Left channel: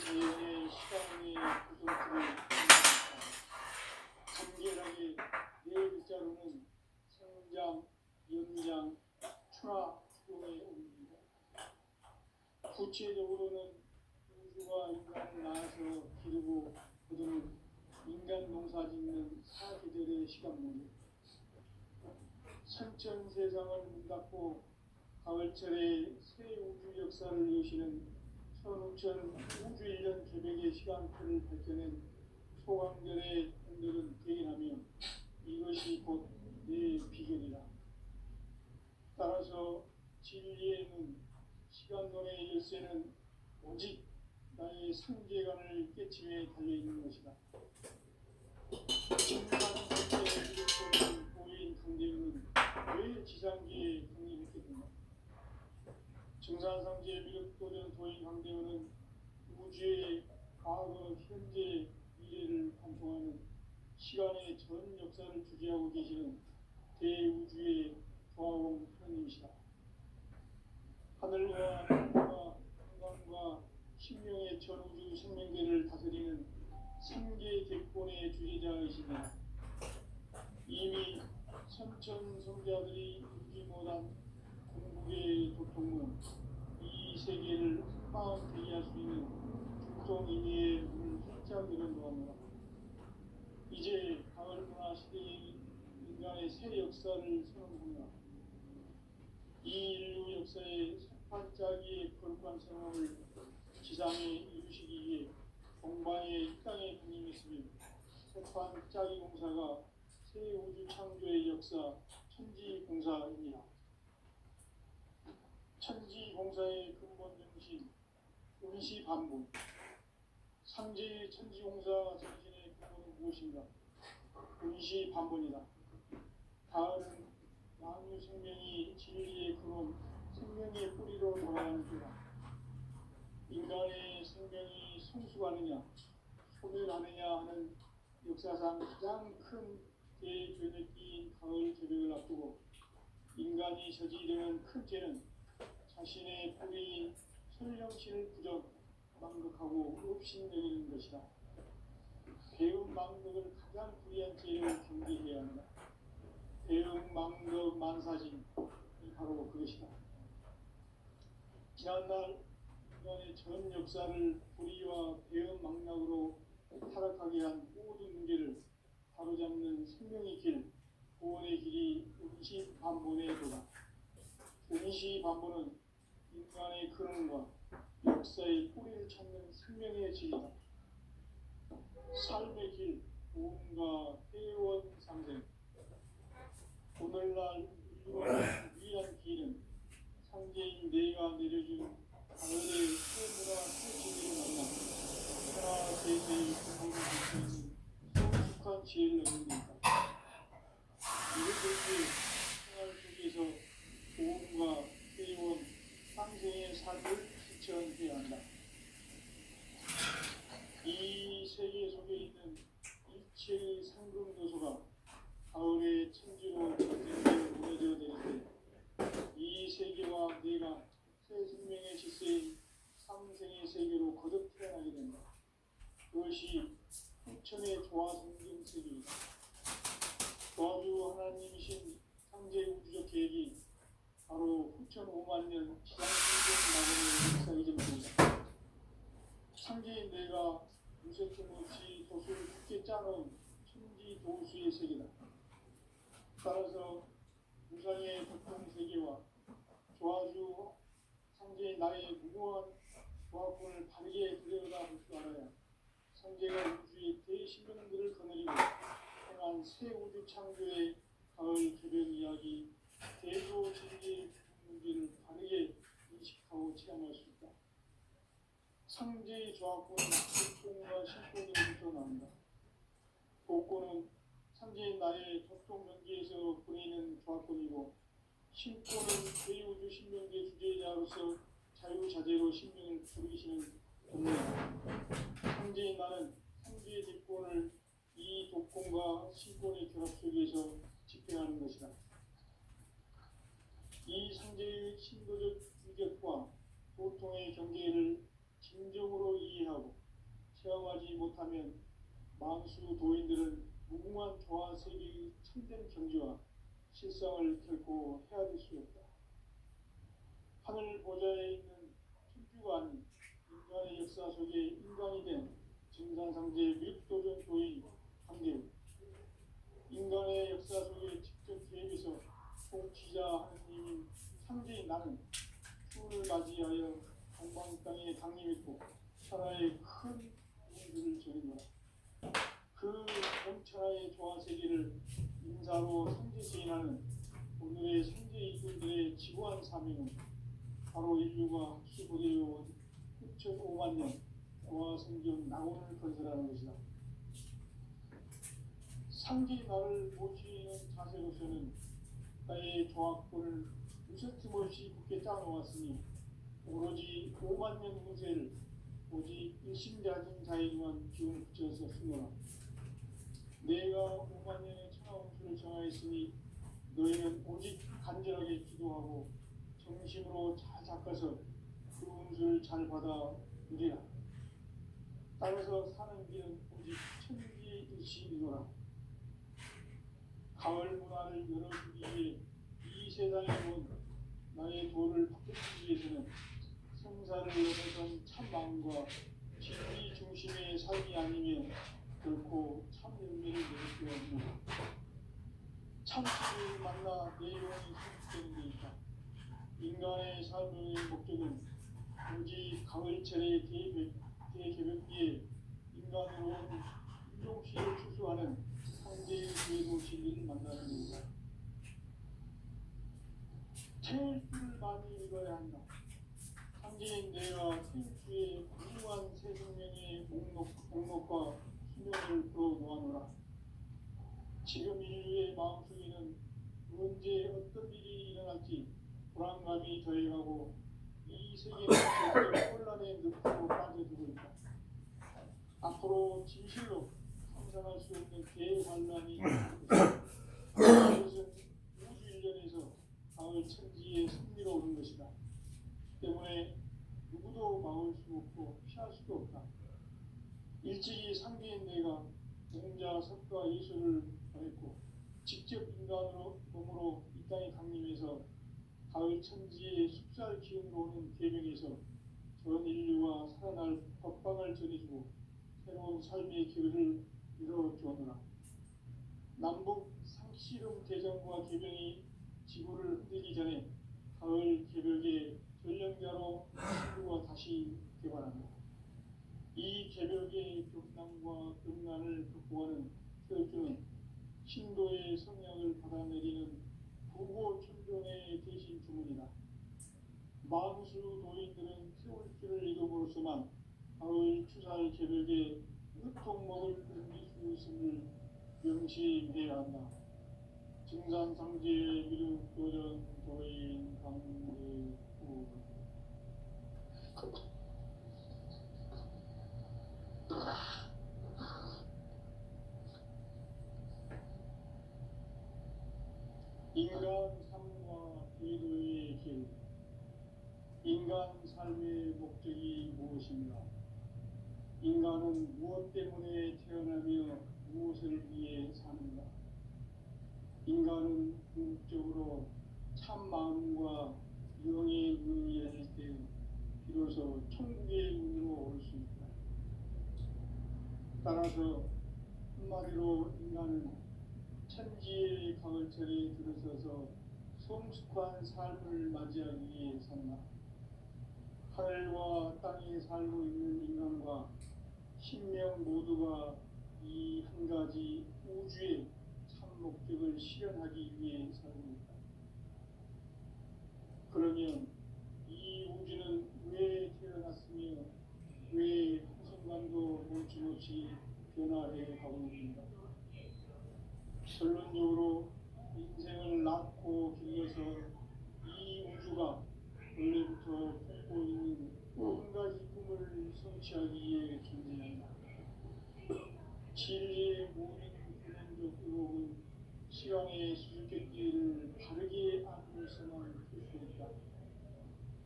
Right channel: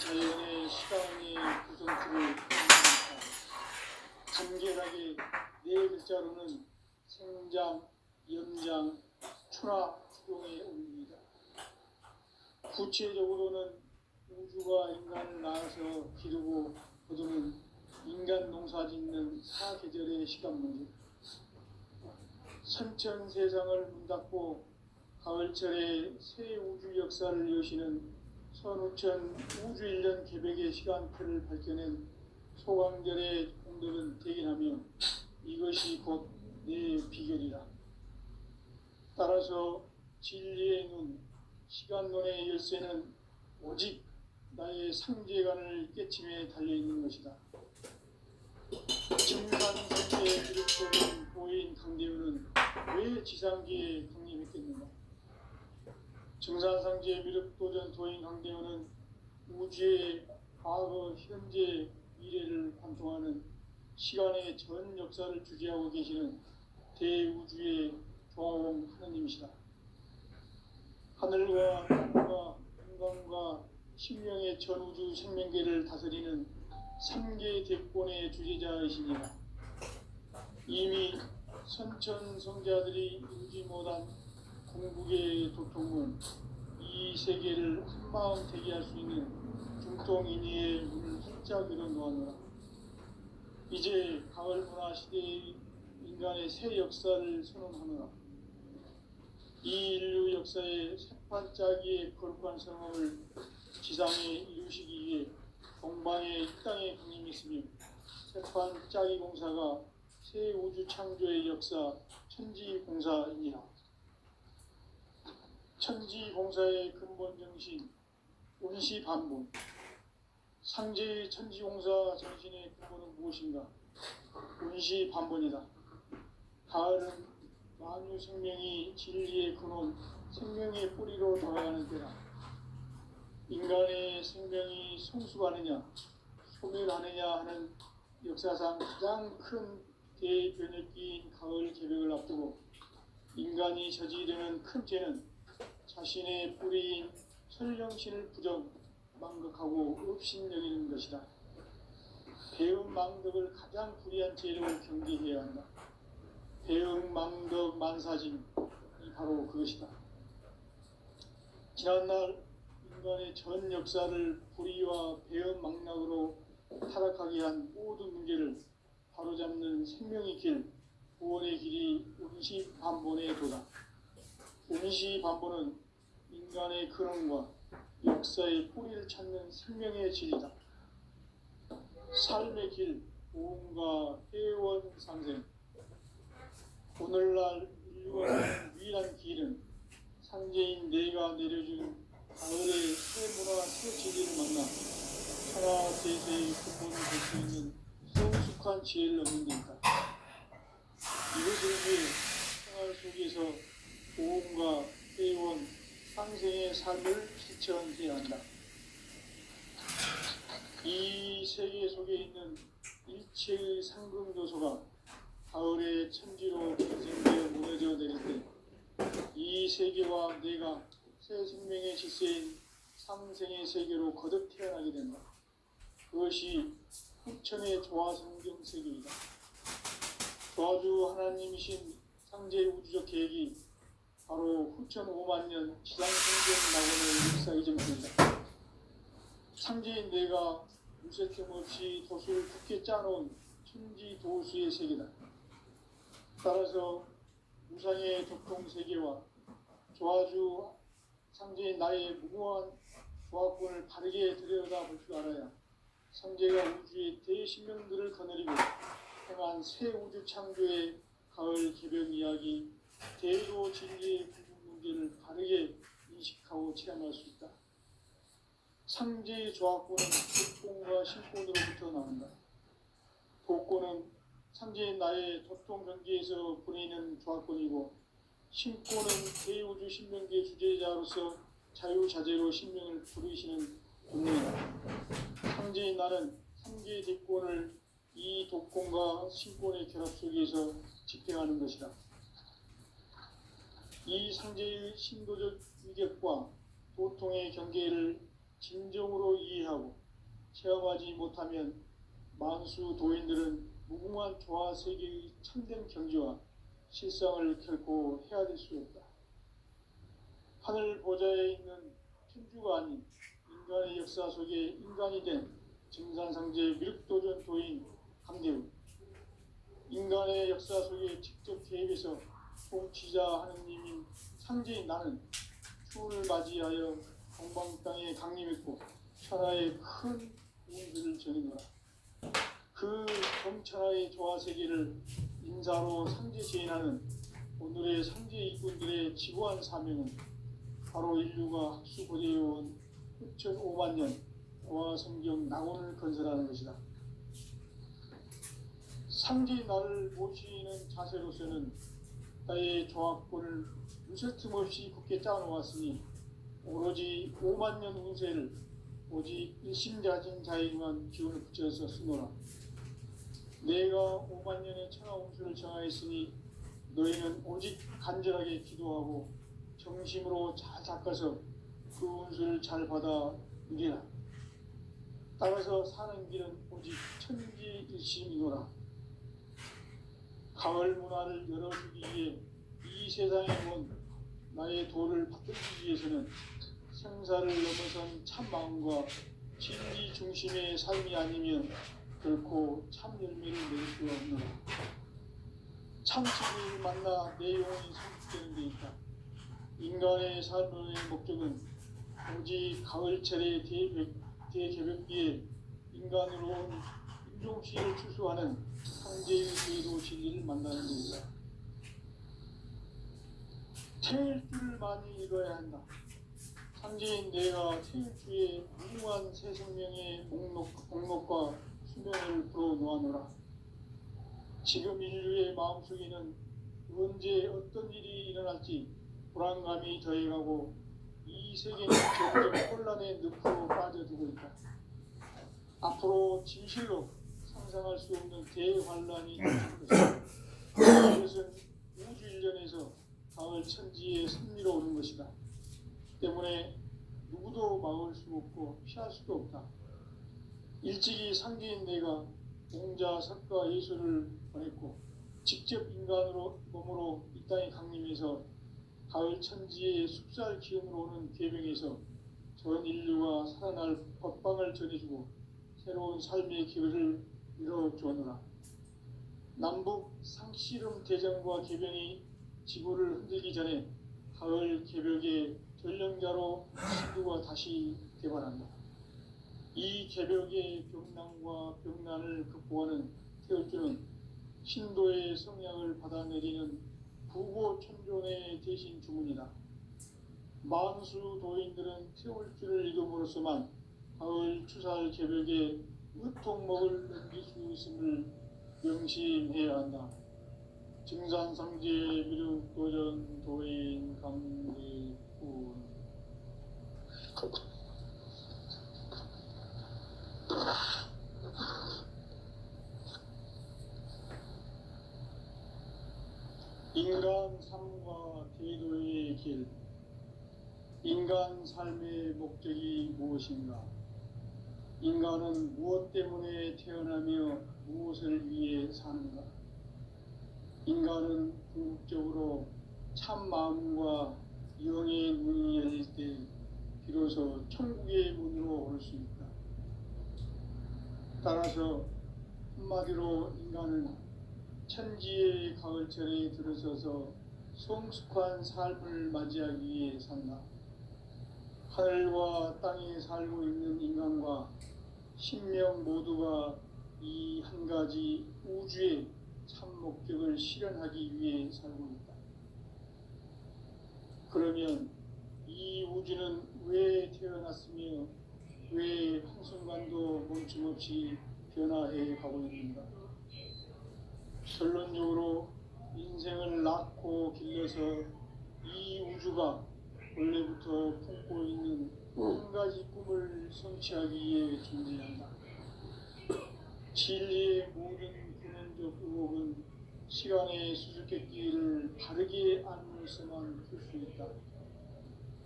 자연의 시간의 구성수를 간결하게 네 글자로는 생장, 연장, 추나 추동의 의미입니다. 구체적으로는 우주가 인간을 낳아서 기르고 거두는 인간 농사 짓는 사계절의 시간 문제, 선천 세상을 문 닫고 가을철에 새 우주 역사를 여시는 선우천 우주일년 개백의 시간표를 밝혀낸 소강절의 공덕은 대견하며 이것이 곧 내 비결이라. 따라서 진리의 눈, 시간론의 열쇠는 오직 나의 상제관을 깨침에 달려있는 것이다. 증산상제의 기록되는 도인 강대우는 왜 지상기에 독립했겠는가? 증산상제의 미륵도전 도인 강대우는 우주의 과거, 현재, 미래를 관통하는 시간의 전 역사를 주재하고 계시는 대우주의 조화공 하느님이시다. 하늘과 땅과 인간과 신명의 전우주 생명계를 다스리는 3개 대권의 주제자이시니라. 이미 선천성자들이 이루지 못한 궁극의 도통문, 이 세계를 한마음 대기할 수 있는 중동인의의 문을 활짝 열어놓았노라. 이제 가을 문화 시대의 인간의 새 역사를 선언하노라. 이 인류 역사의 새반짝이의 거룩한 성함을 지상에 이루시기 위해 동방의 이 땅에 군림했으며 새반짝이 공사가 새 우주 창조의 역사 천지공사이니라. 천지공사의 근본 정신 운시반본. 상제의 천지공사 정신의 근본은 무엇인가? 운시반본이다. 가을은 만유 생명이 진리의 근원, 생명의 뿌리로 돌아가는 때다. 인간의 생명이 성숙하느냐, 소멸하느냐 하는 역사상 가장 큰 대변혁기인 가을 개벽을 앞두고 인간이 저지르는 큰 죄는 자신의 뿌리인 설령신을 부정, 망극하고 업신여기는 것이다. 배음 망덕을 가장 불의한 죄로 경계해야 한다. 배음 망덕 만사진이 바로 그것이다. 지난날 인간의 전 역사를 불의와 배음 망락으로 타락하게 한 모든 문제를 바로잡는 생명의 길, 구원의 길이 운시반본의 도다. 운시반본은 인간의 근원과 역사의 뿌리를 찾는 생명의 질이다. 삶의 길, 보험과 회원 상생. 오늘날 인류가 유일한 길은 상제인 내가 내려준 가을의 새 문화 새 지리를 만나 천하 제세의 근본을 볼 수 있는 성숙한 지혜를 얻는 데 있다. 이것을 위해 생활 속에서 보험과 회원 상생의 삶을 실천해야 한다. 이 세계 속에 있는 일체의 상금 요소가 가을의 천지로 전생되어 무너져 내릴 때 이 세계와 내가 새 생명의 질서인 상생의 세계로 거듭 태어나게 된다. 그것이 후천의 조화성경 세계이다. 조화주 하나님이신 상제 우주적 계획이 바로 후천 5만 년 지상생전 낙원의 역사 이전입니다. 상제인 내가 무쇠틈 없이 도수를 굳게 짜놓은 천지 도수의 세계다. 따라서 무상의 독통세계와 조화주 상제인 나의 무궁한 조화권을 바르게 들여다볼 줄 알아야 상제가 우주의 대신명들을 거느리고 행한 새 우주 창조의 가을 개벽 이야기, 대로 진리의 문제를 바르게 인식하고 체험할 수 있다. 상제의 조화권은 독통과 신권으로부터 나온다. 독권은 상제인 나의 도통 경계에서 보내는 조화권이고, 신권은 대우주 신명계 주제자로서 자유자재로 신명을 부르시는 분이다. 상제인 나는 3개의 대권을 이 독권과 신권의 결합 속에서 집행하는 것이다. 이 상제의 신도적 위격과 도통의 경계를 진정으로 이해하고 체험하지 못하면 만수 도인들은 무궁한 조화 세계의 참된 경지와 실상을 결코 헤아릴 수 없다. 하늘 보좌에 있는 천주가 아닌 인간의 역사 속에 인간이 된 증산상제 미륵도전 도인 강대우, 인간의 역사 속에 직접 개입해서 통치자 하느님인 상제인 나는 추운을 맞이하여 동방 땅에 강림했고 천하의 큰 운수를 전했노라. 그 경천하의 조화 세계를 인사로 상제 제인하는 오늘의 상제 일꾼들의 지고한 사명은 바로 인류가 학수고대해온 6,500만 년 고화성경 낙원을 건설하는 것이다. 상제 나를 모시는 자세로서는 나의 조합권을 무쇠틈 없이 굳게 짜놓았으니 오로지 5만 년 운세를 오직 일심자진 자에게만 기운을 붙여서 쓰노라. 내가 5만 년의 천하 운수를 정하였으니 너희는 오직 간절하게 기도하고 정심으로 잘 닦아서 그 운수를 잘 받아 누리라. 따라서 사는 길은 오직 천지일심이노라. 가을 문화를 열어주기 위해 이 세상에 온 나의 도를 받들기 위해서는 생사를 넘어선 참마음과 진리 중심의 삶이 아니면 결코 참 열매를 낼 수 없노라. 참치를 만나 내 영혼이 성숙되는 데 있다. 인간의 삶의 목적은 오직 가을철의 대개벽기에 인간으로 온 인종시를 추수하는 상제의 제도 진리를 만나는 것이다. 태일주를 많이 읽어야 한다. 상제인 내가 태일주의 무궁한 새 생명의 목록과 수명을 풀어놓아노라. 지금 인류의 마음속에는 언제 어떤 일이 일어날지 불안감이 더해가고 이 세계는 점점 혼란의 늪으로 빠져들고 있다. 앞으로 진실로 상상할 수 없는 대환란이 있을 것이다. 이것은 우주 일련에서 가을 천지에 승리로오는 것이다. 때문에 누구도 막을 수 없고 피할 수도 없다. 일찍이 상제인 내가 공자, 석가, 예수를 보냈고 직접 인간으로 몸으로 이 땅에 강림해서 가을 천지의 숲살 기운으로 오는 계명에서 전 인류가 살아날 법방을 전해주고 새로운 삶의 길을 열어주었노라. 남북 상씨름 대전과 개병이 지구를 흔들기 전에 가을 개벽의 전령자로 신두가 다시 개발한다. 이 개벽의 병난과 병난을 극복하는 태울주는 신도의 성향을 받아내리는 부고천존의 대신 주문이다. 만수 도인들은 태울주를 이름으로서만 가을 추살 개벽에 으통먹을 넘길 수 있음을 명심해야 한다. 증산상제 미륵도전 도인 강대군. 인간 삶과 대도의 길. 인간 삶의 목적이 무엇인가? 인간은 무엇 때문에 태어나며 무엇을 위해 사는가? 인간은 궁극적으로 참 마음과 영의 문이 열릴 때 비로소 천국의 문으로 올 수 있다. 따라서 한마디로 인간은 천지의 가을철에 들어서서 성숙한 삶을 맞이하기 위해 산다. 하늘과 땅에 살고 있는 인간과 신명 모두가 이 한 가지 우주의 참 목적을 실현하기 위해 살고 있다. 그러면 이 우주는 왜 태어났으며 왜 한순간도 멈춤없이 변화해 가고 있는가? 결론적으로 인생을 낳고 길러서 이 우주가 원래부터 품고 있는 한 가지 꿈을 성취하기 위해 존재한다. 진리의 모든 근원적 의목은 시간의 수수께끼를 바르게 안으로서만 풀 수 있다.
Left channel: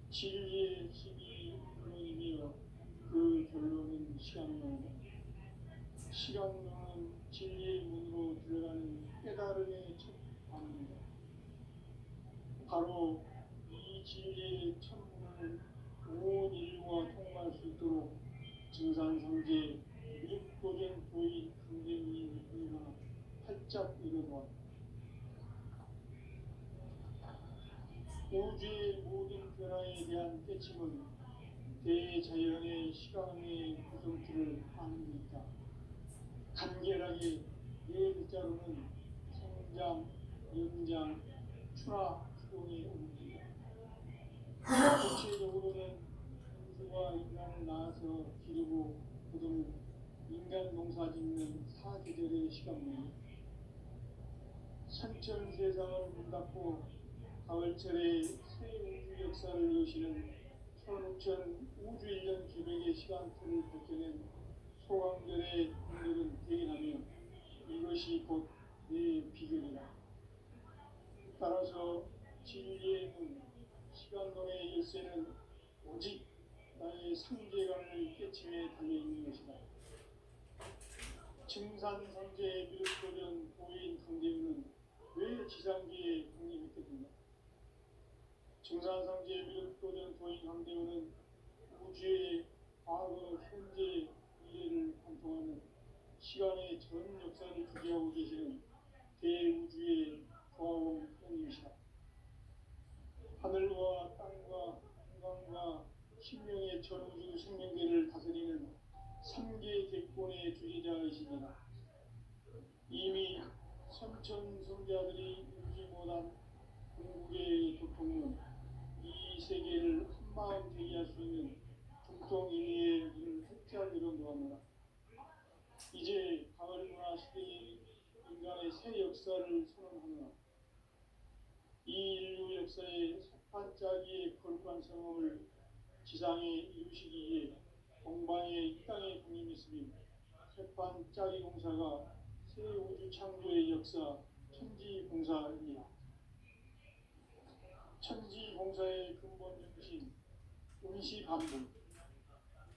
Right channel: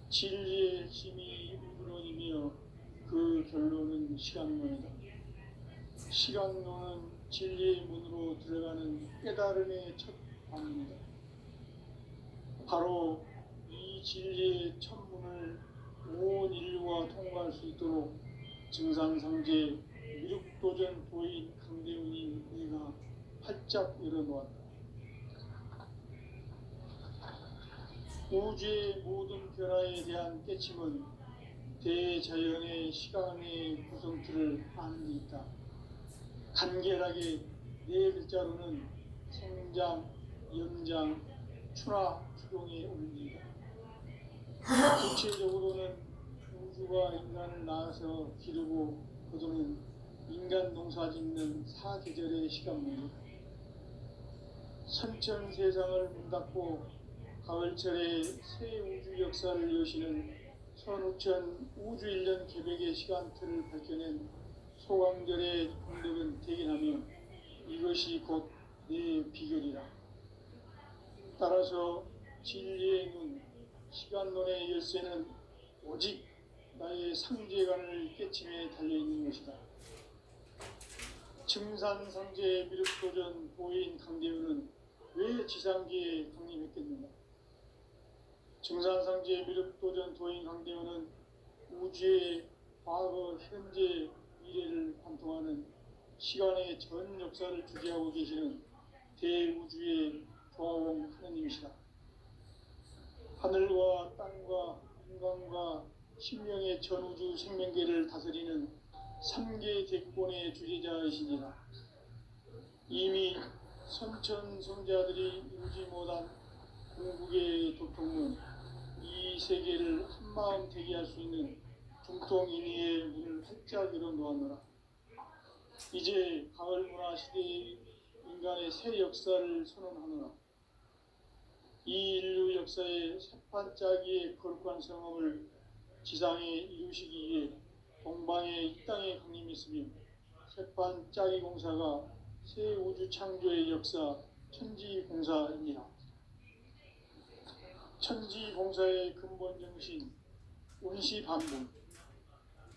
진리의 힘이 우주론이며 시간론이다. 시간론은 진리의 문으로 들어가는 깨달음의 첫 방문이다. 바로 이 진리의 첫 문을 온 인류가 통과할 수 있도록 증산상제 미륵도전 도인 강대훈이 내가 활짝 열어놓았다. 우주의 모든 변화에 대한 깨침은 대자연의 시간의 구성틀을 아는 데 있다. 간결하게 네 글자로는 성장, 연장, 추나 추동의 원리이다. 구체적으로는 우주가 인간을 낳아서 기르고 거두는 인간 농사 짓는 사계절의 시간문이다. 선천 세상을 문 닫고 가을철에 새 우주 역사를 여시는 선우천 우주 1년 계획의 시간틀을 밝혀낸 소강절의 공력은 대견하며 이것이 곧 내 비결이라. 따라서 진리의 눈, 시간론의 열쇠는 오직 나의 상제관을 깨침에 달려있는 것이다. 증산상제 미륵도전 도인 강대훈은 왜 지상기에 강림했겠는가? 증산상제 미륵도전 도인 강대훈은 우주의 과거, 현재, 미래를 관통하는 시간의 전 역사를 주재하고 계시는 대우주의 조화원 하느님이시다. 하늘과 땅과 인간과 신명의 전우주 생명계를 다스리는 3계 대권의 주제자이시니라. 이미 선천성자들이 이루지 못한 궁극의 도통은 이 세계를 한마음 되게 할 수 있는 중통인의의 문을 활짝 열어놓았노라. 이제 가을 문화 시대의 인간의 새 역사를 선언하노라. 이 인류 역사의 새판짜기의 거룩한 성험을 지상에 이루시기 위해 동방의 이 땅에 강림했으며 새판짜기 공사가 새 우주 창조의 역사 천지공사입니다. 천지공사의 근본 정신 운시반분.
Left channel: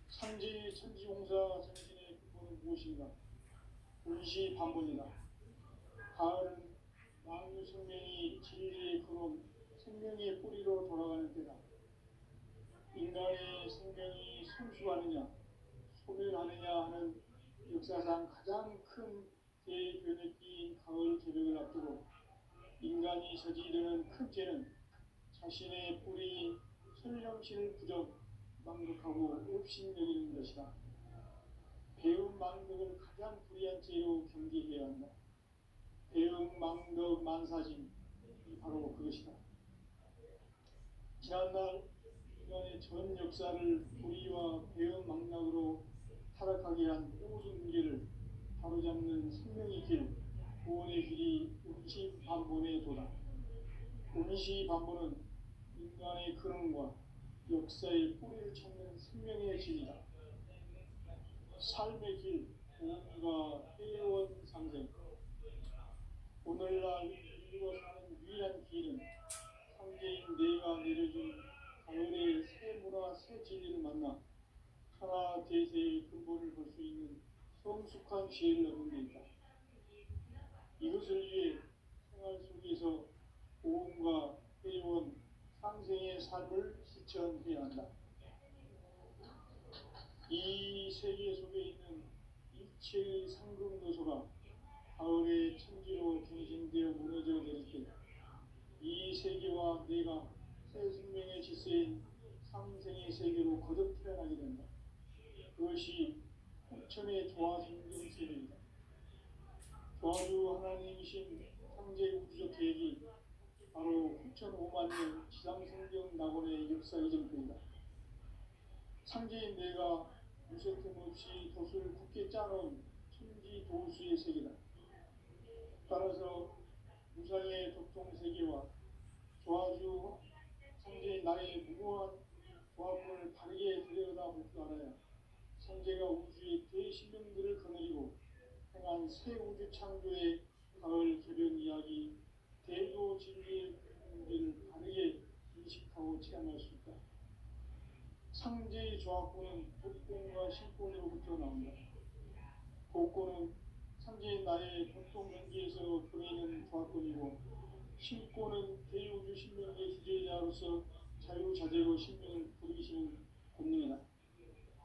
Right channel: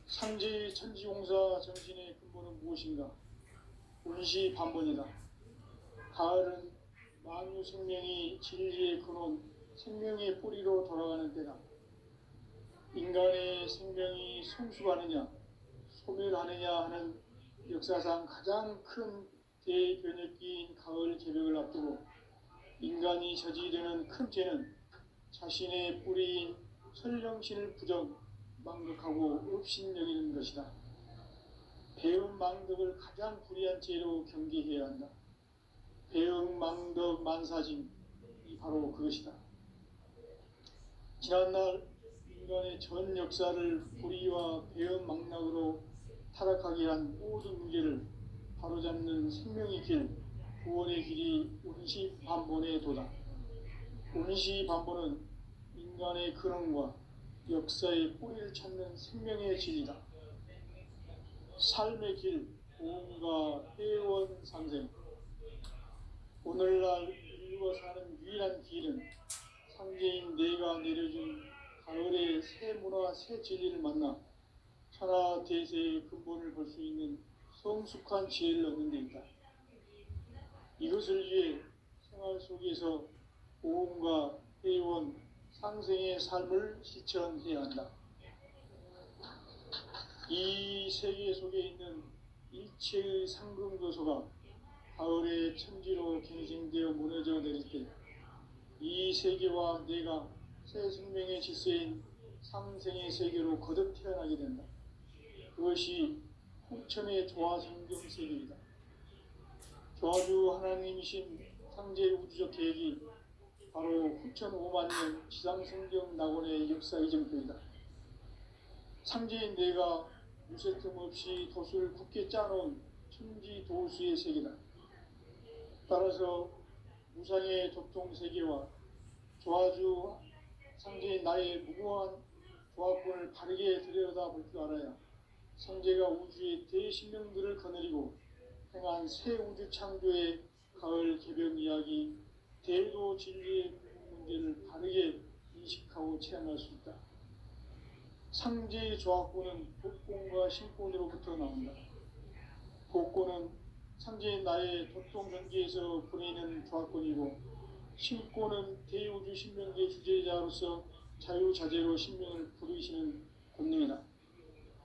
상제의 천지공사 정신의 근본은 무엇인가? 운시반분이다. 가을은 만유 생명이 진리의 근원, 생명의 뿌리로 돌아가는 때다. 인간의 생명이 성숙하느냐, 소멸하느냐 하는 역사상 가장 큰 대변혁기인 가을 개벽을 앞두고 인간이 저지르는 큰 죄는 자신의 뿌리인 설령신을 부정, 망극하고 업신여기는 것이다. 배음 망덕을 가장 불의한 죄로 경계해야 한다. 배음 망덕 만사징이 바로 그것이다. 지난날 인간의 전 역사를 불의와 배음 망락으로 타락하게 한 모든 문제를 바로잡는 생명의 길, 구원의 길이 운시반본의 도다. 운시반본은 인간의 근원과 역사의 뿌리를 찾는 생명의 진리다. 삶의 길, 보험과 회원 상생. 오늘날 인류가 사는 유일한 길은 상제인 내가 내려준 가을의 새 문화, 새 진리를 만나 천하 대세의 근본을 볼 수 있는 성숙한 지혜를 얻는 데 있다. 이것을 위해 생활 속에서 보험과 회원, 상생의 삶을 실천해야 한다. 이 세계 속에 있는 일체의 상금도서가 가을의 천지로 갱생되어 무너져 내릴 때 이 세계와 내가 새 생명의 질서인 상생의 세계로 거듭 태어나게 된다. 그것이 후천의 조화성경 세계이다. 조화주 하나님이신 상제 우주적 계획이 바로 후천 5만 년 지상성경 낙원의 역사 이정표이다. 상제인 내가 무쇠 틈 없이 도수를 굳게 짜놓은 천지 도수의 세계다. 따라서 무상의 도통세계와 조화주 상제인 나의 무궁한 조화권을 바르게 들여다볼 줄 알아야 상제가 우주의 대신령들을 거느리고 행한 새 우주 창조의 가을 개변 이야기, 대도 진리의 문제를 바르게 인식하고 체험할 수 있다. 상제의 조합구는 독곤과 신곤으로부터 나온다. 독곤은 상제인 나의 도통전기에서 보내는 조합권이고, 신곤은 대우주 신명계 주제자로서 자유자재로 신명을 부르시는 권능이다.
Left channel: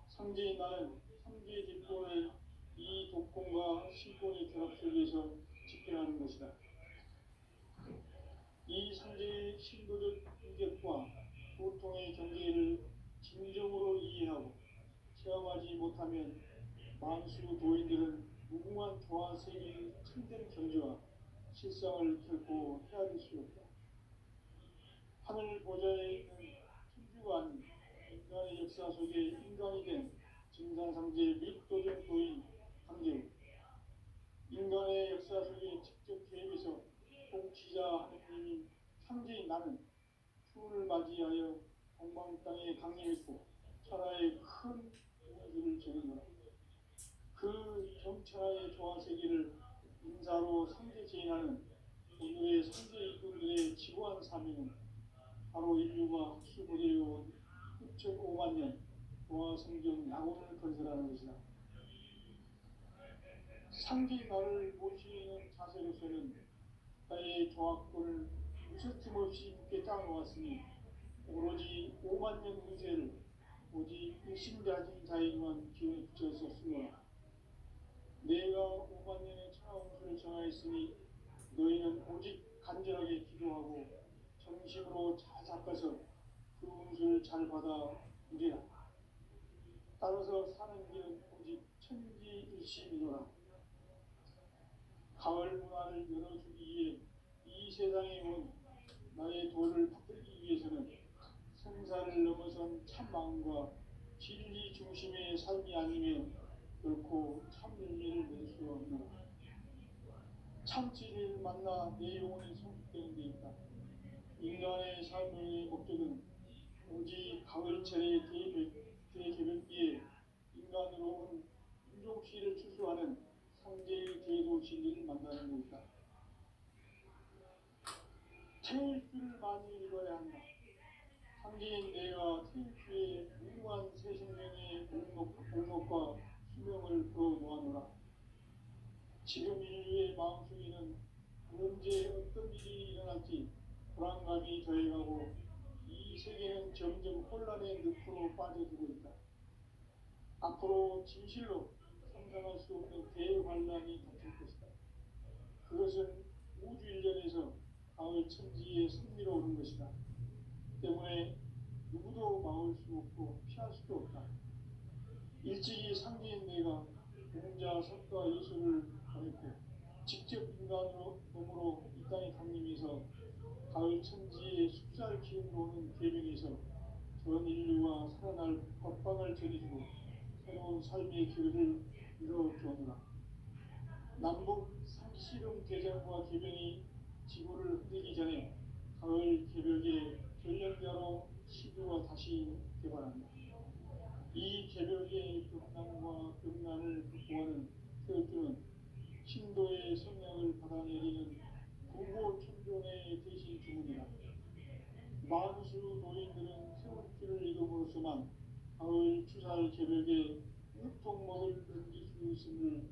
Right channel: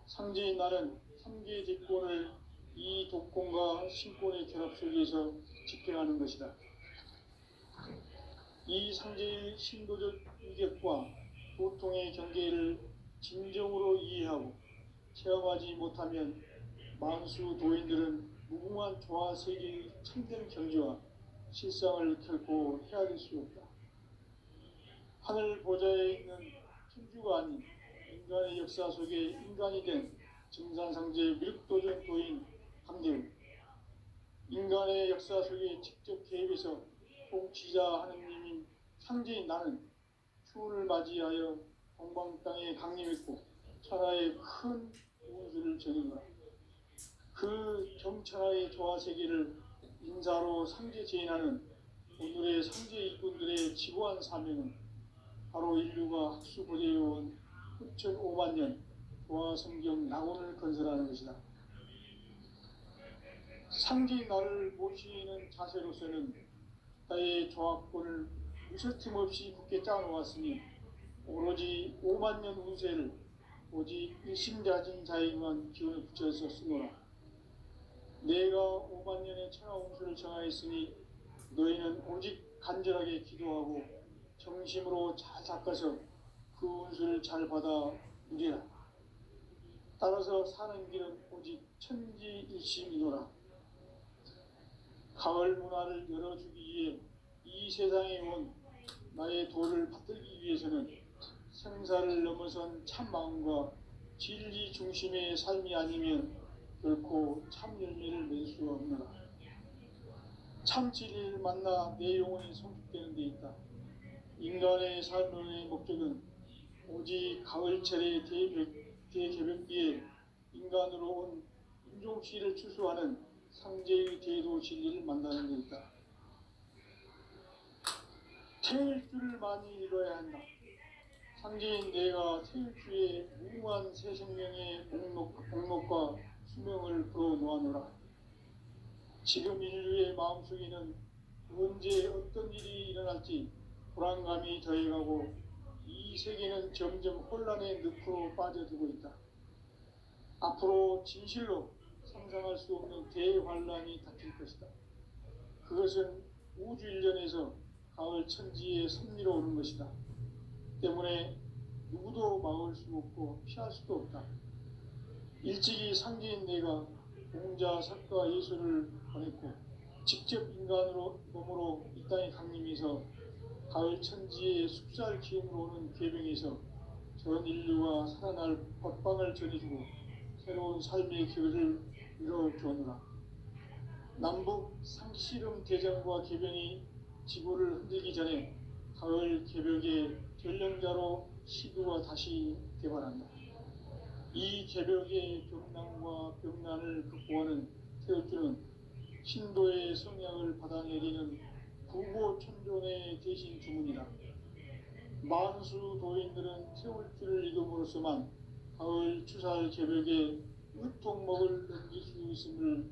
상제인 나는 3개 직권을 이 독권과 신권의 결합 속에서 집행하는 것이다. 이 상제의 신도적 위격과 도통의 경계를 진정으로 이해하고 체험하지 못하면 만수 도인들은 무궁한 조화 세계의 참된 경지와 실상을 결코 헤아릴 수 없다. 하늘 보좌에 있는 천주가 아닌 인간의 역사 속에 인간이 된 증산상제 미륵도전 도인 강대우, 인간의 역사 속에 직접 개입해서 통치자 하느님인 상제인 나는 추운을 맞이하여 동방 땅에 강림했고 천하의 큰 우주를 정의노라. 그 경천하의 조화세계를 인사로 상제 제인하는 오늘의 상제 일꾼들의 지고한 사명은 바로 인류가 학수고대해온 9,500만 년 조화성경 낙원을 건설하는 것이다. 상제인 나를 모시는 자세로서는 나의 조합권을 무서팀 없이 굳게 짜놓았으니 오로지 5만 년 운세를 오직 일심자진 자에게만 기운을 붙여서 쓰노라. 내가 5만 년의 천하 운수를 정하였으니 너희는 오직 간절하게 기도하고 정심으로 잘 닦아서 그 운수를 잘 받아 누리라. 따라서 사는 길은 오직 천지일심이노라. 가을 문화를 열어주기 위해 이 세상에 온 나의 도를 받들기 위해서는 생사를 넘어선 참마음과 진리 중심의 삶이 아니면 결코 참 열매를 맺을 수가 없노라. 참 진리를 만나 내 영혼이 성숙되는 데 있다. 인간의 삶의 목적은 오직 가을철의 대개벽기에 인간으로 온 인종시를 추수하는 상제의 대도 진리를 만나는 데 있다. 태일주를 많이 읽어야 한다. 상제인 내가 태일주의 무궁한 새 생명의 목록과 수명을 풀어놓아노라. 지금 인류의 마음속에는 언제 어떤 일이 일어날지 불안감이 더해가고 이 세계는 점점 혼란의 늪으로 빠져들고 있다. 앞으로 진실로 상상할 수 없는 대환란이 닥칠 것이다. 그것은 우주 일련에서 가을 천지에 섭리로 오는 것이다. 때문에 누구도 막을 수 없고 피할 수도 없다. 일찍이 상제인 내가 공자, 석가, 예수를 보냈고 직접 인간으로 몸으로 이 땅에 강림해서 가을 천지의 숲살 기운으로 오는 계명에서 전 인류가 살아날 법방을 전해주고 새로운 삶의 길을 이뤄주었노라. 남북 상씨름 대전과 개병이 지구를 흔들기 전에 가을 개벽의 전령자로 시구가 다시 개발한다. 이 개벽의 병난과 병난을 극복하는 태울주는 신도의 성향을 받아내리는 구보천존의 대신 주문이다. 만수 도인들은 태울주를 이름으로서만 가을 추살 개벽의 으통목을 넘길 수 있음을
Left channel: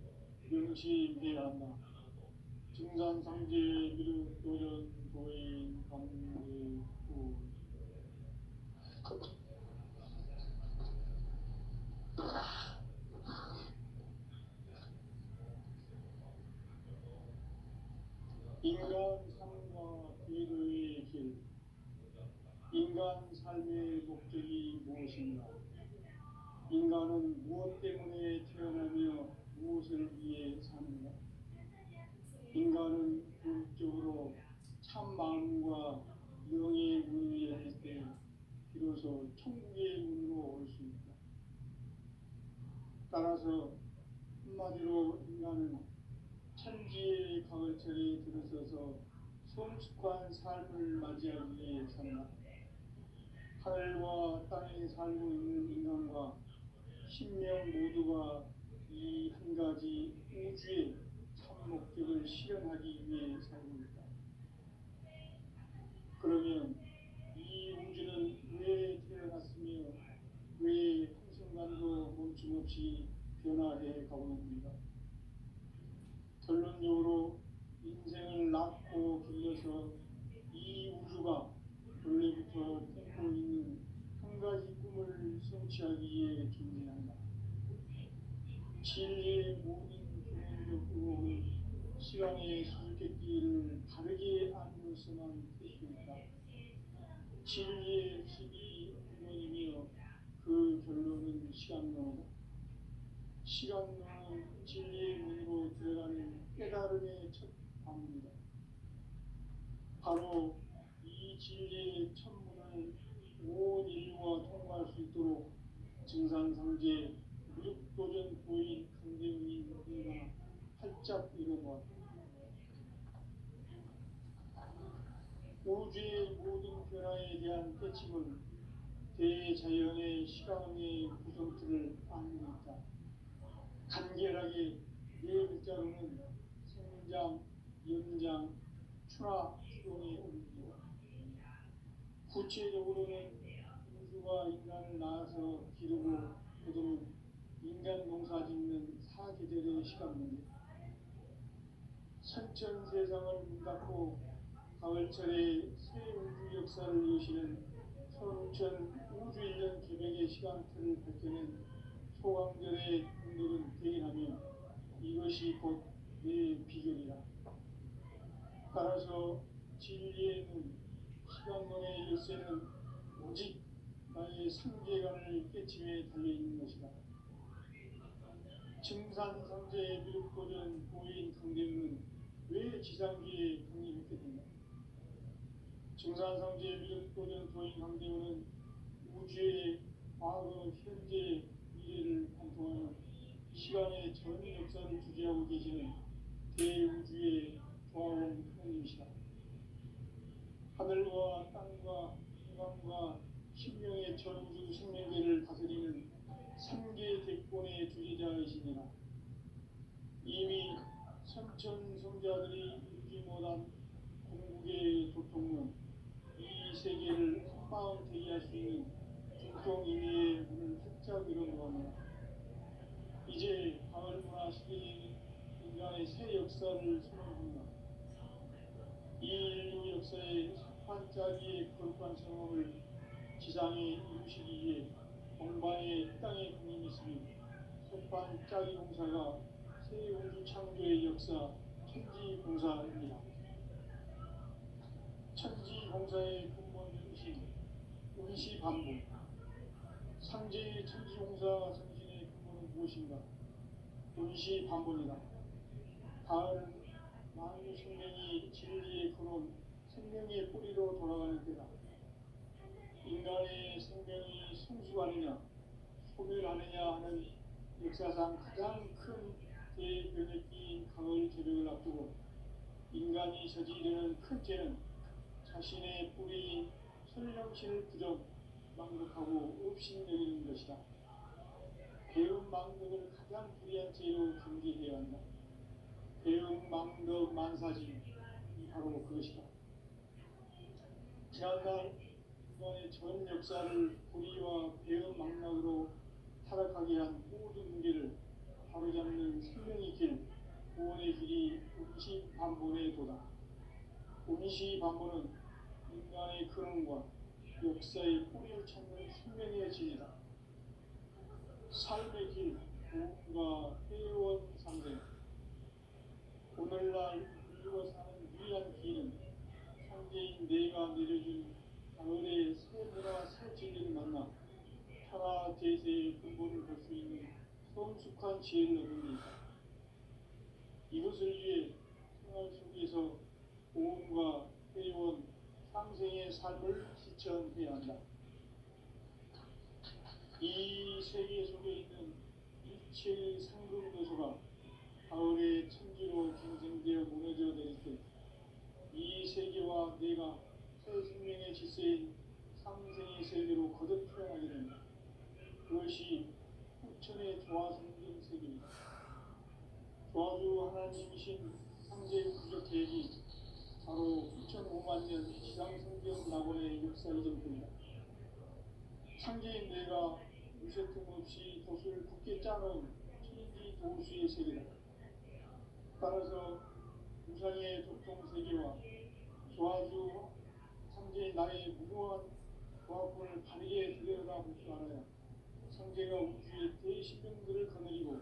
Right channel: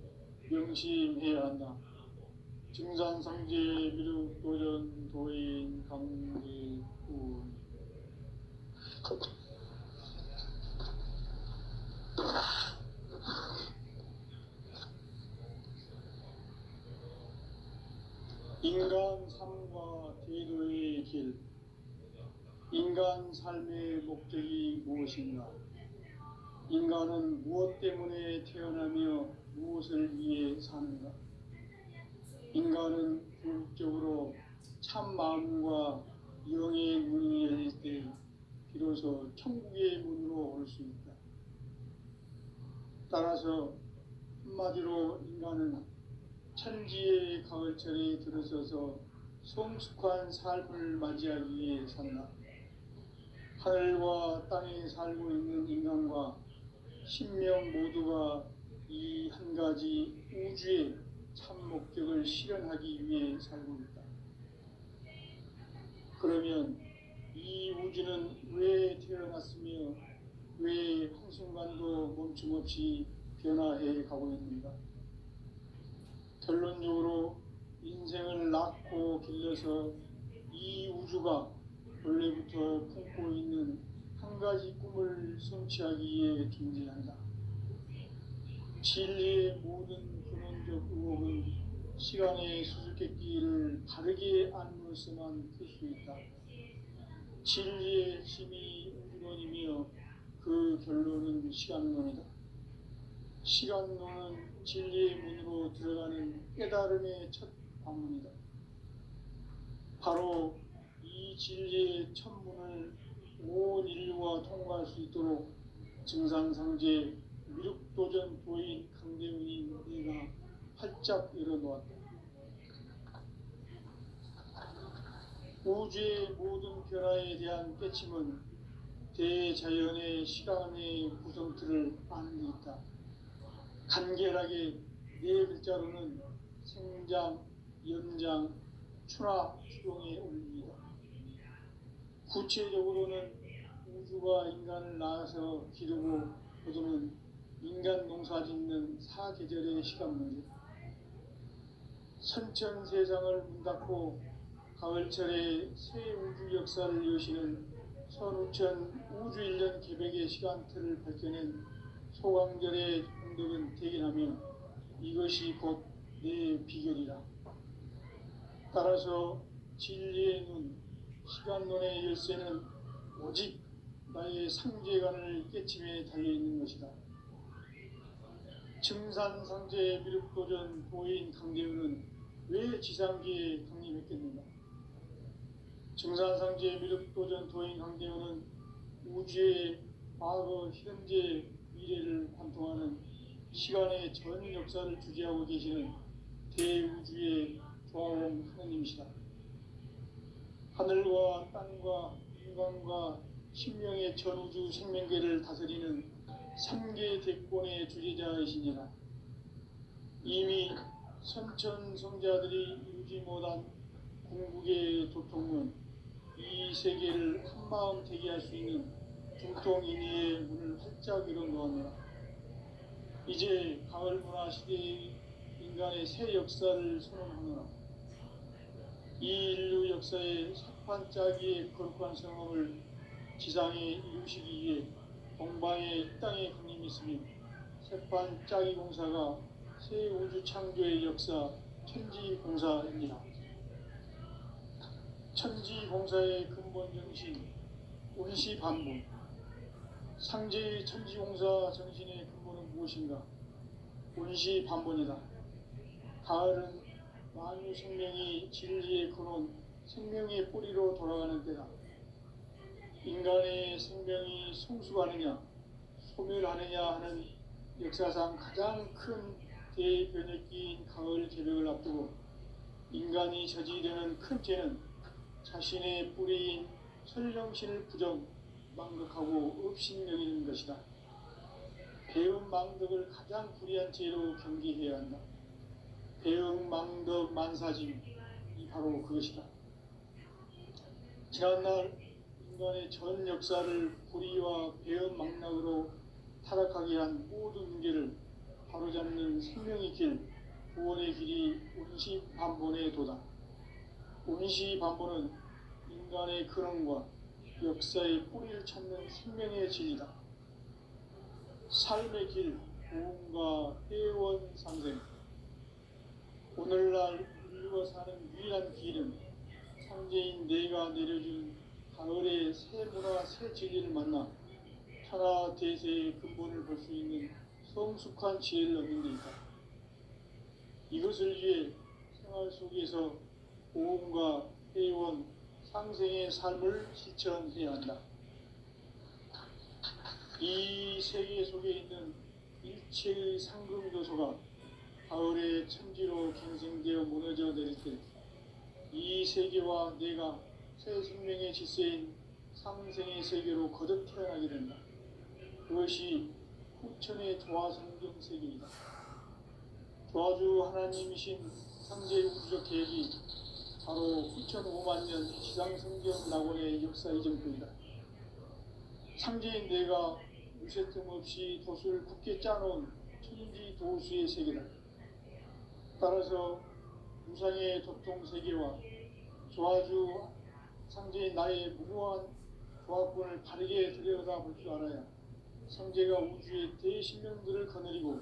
명심해야 한다. 증산상제 미륵도전 도인 강제군 인간 삶과 대도의 길. 인간 삶의 목적이 무엇인가? 인간은 무엇 때문에 태어나며 무엇을 위해 사는가? 인간은 궁극적으로 참 마음과 영의 문이 열릴 때 비로소 천국의 문으로 올 수 있다. 따라서 한마디로 인간은 천지의 가을철에 들어서서 성숙한 삶을 맞이하기 위해 산다. 하늘과 땅에 살고 있는 인간과 신명 모두가 이 한 가지 우주의 참 목적을 실현하기 위해 살고 있다. 그러면 이 우주는 왜 태어났으며 왜 한순간도 멈춤없이 변화해 가고 있는가? 결론적으로 인생을 낳고 길러서 이 우주가 원래부터 품고 있는 한 가지 꿈을 성취하기 위해 존재한다. 진리의 모든 근원적 의혹은 시간의 수수께끼를 바르게 안으로서만 풀 수 있다. 진리의 힘이 근원이며 그 결론은 시간론이다. 시간론은 진리의 문으로 들어가는 깨달음의 첫 방문이다. 바로 이 진리의 첫 문을 온 인류가 통과할 수 있도록 증산상제 미륵도전 도인 강대훈이 내가 활짝 열어놓았다. 우주의 모든 변화에 대한 깨침은 대자연의 시간의 구성틀을 아는 데 있다. 간결하게 네 글자로는 생장, 연장, 추락, 추동에 올립니다. 구체적으로는 우주가 인간을 낳아서 기르고 거두는 인간 농사 짓는 사계절의 시간 문제, 선천 세상을 문 닫고 가을철에 새 우주 역사를 여시는 선우천 우주 1년 개백의 시간틀을 밝혀낸 소강절의 공덕은 대견하며 이것이 곧 내 비결이라. 따라서 진리의 눈, 시간론의 열쇠는 오직 나의 상제관을 깨침에 달려있는 것이다. 증산상제 미륵도전 도인 강대훈은 왜 지상기에 독립했겠는가? 증산상제 미륵도전 도인 강대훈은 우주의 과거, 현재, 미래를 관통하는 시간의 전 역사를 주재하고 계시는 대우주의 조화원 하느님이시다. 하늘과 땅과 인간과 신명의 전우주 생명계를 다스리는 3개 대권의 주제자이시니라. 이미 선천성자들이 이루지 못한 궁극의 도통은 이 세계를 한마음 되게 할 수 있는 중통인의의 문을 활짝 열어놓았노라. 이제 가을 문화 시대의 인간의 새 역사를 선언하노라. 이 인류 역사의 석판짜기의 거룩한 성업을 지상에 이루시기 위해 동방의 땅에 강림했으며 석판짜기 공사가 새 우주 창조의 역사 천지공사입니다. 천지공사의 근본 정신 운시반복. 상제의 천지공사 정신의 근본은 무엇인가? 운시반본이다. 가을은 만유 생명이 진리의 근원, 생명의 뿌리로 돌아가는 때다. 인간의 생명이 성숙하느냐, 소멸하느냐 하는 역사상 가장 큰 대변혁기인 가을 개벽을 앞두고 인간이 저지르는 큰 죄는 자신의 뿌리인 설령신을 부정, 망덕하고 업신여기는 것이다. 배움 망덕을 가장 불의한 죄로 경계해야 한다. 배움 망덕 만사짐이 바로 그것이다. 지난날 인간의 전 역사를 불의와 배움 망락으로 타락하게 한 모든 문제를 바로잡는 생명의 길, 구원의 길이 운시반본의 도다. 운시반본은 인간의 근원과 역사의 뿌리를 찾는 생명의 진리다. 삶의 길, 구원과 회원 상생. 오늘날 인류가 사는 유일한 길은 상제인 내가 내려준 가을의 새 문화, 새 진리를 만나 천하 대세의 근본을 볼 수 있는 성숙한 지혜를 얻는 데 있다. 이것을 위해 생활 속에서 보험과 회원, 상생의 삶을 실천해야 한다. 이 세계 속에 있는 일체의 상금 요소가 가을의 천지로 갱생되어 무너져 내릴 때 이 세계와 내가 새 생명의 질서인 상생의 세계로 거듭 태어나게 된다. 그것이 후천의 조화성경 세계이다. 조화주 하나님이신 상제의 우주적 계획이 바로 9,500년 지상성경 낙원의 역사 이전뿐이다. 상제인 내가 무쇠 틈 없이 돛을 굳게 짜놓은 천지 도수의 세계다. 따라서 우상의 도통 세계와 조화주 상제의 나의 무궁한 조합권을 바르게 들여다볼 줄 알아야 성제가 우주의 대신명들을 거느리고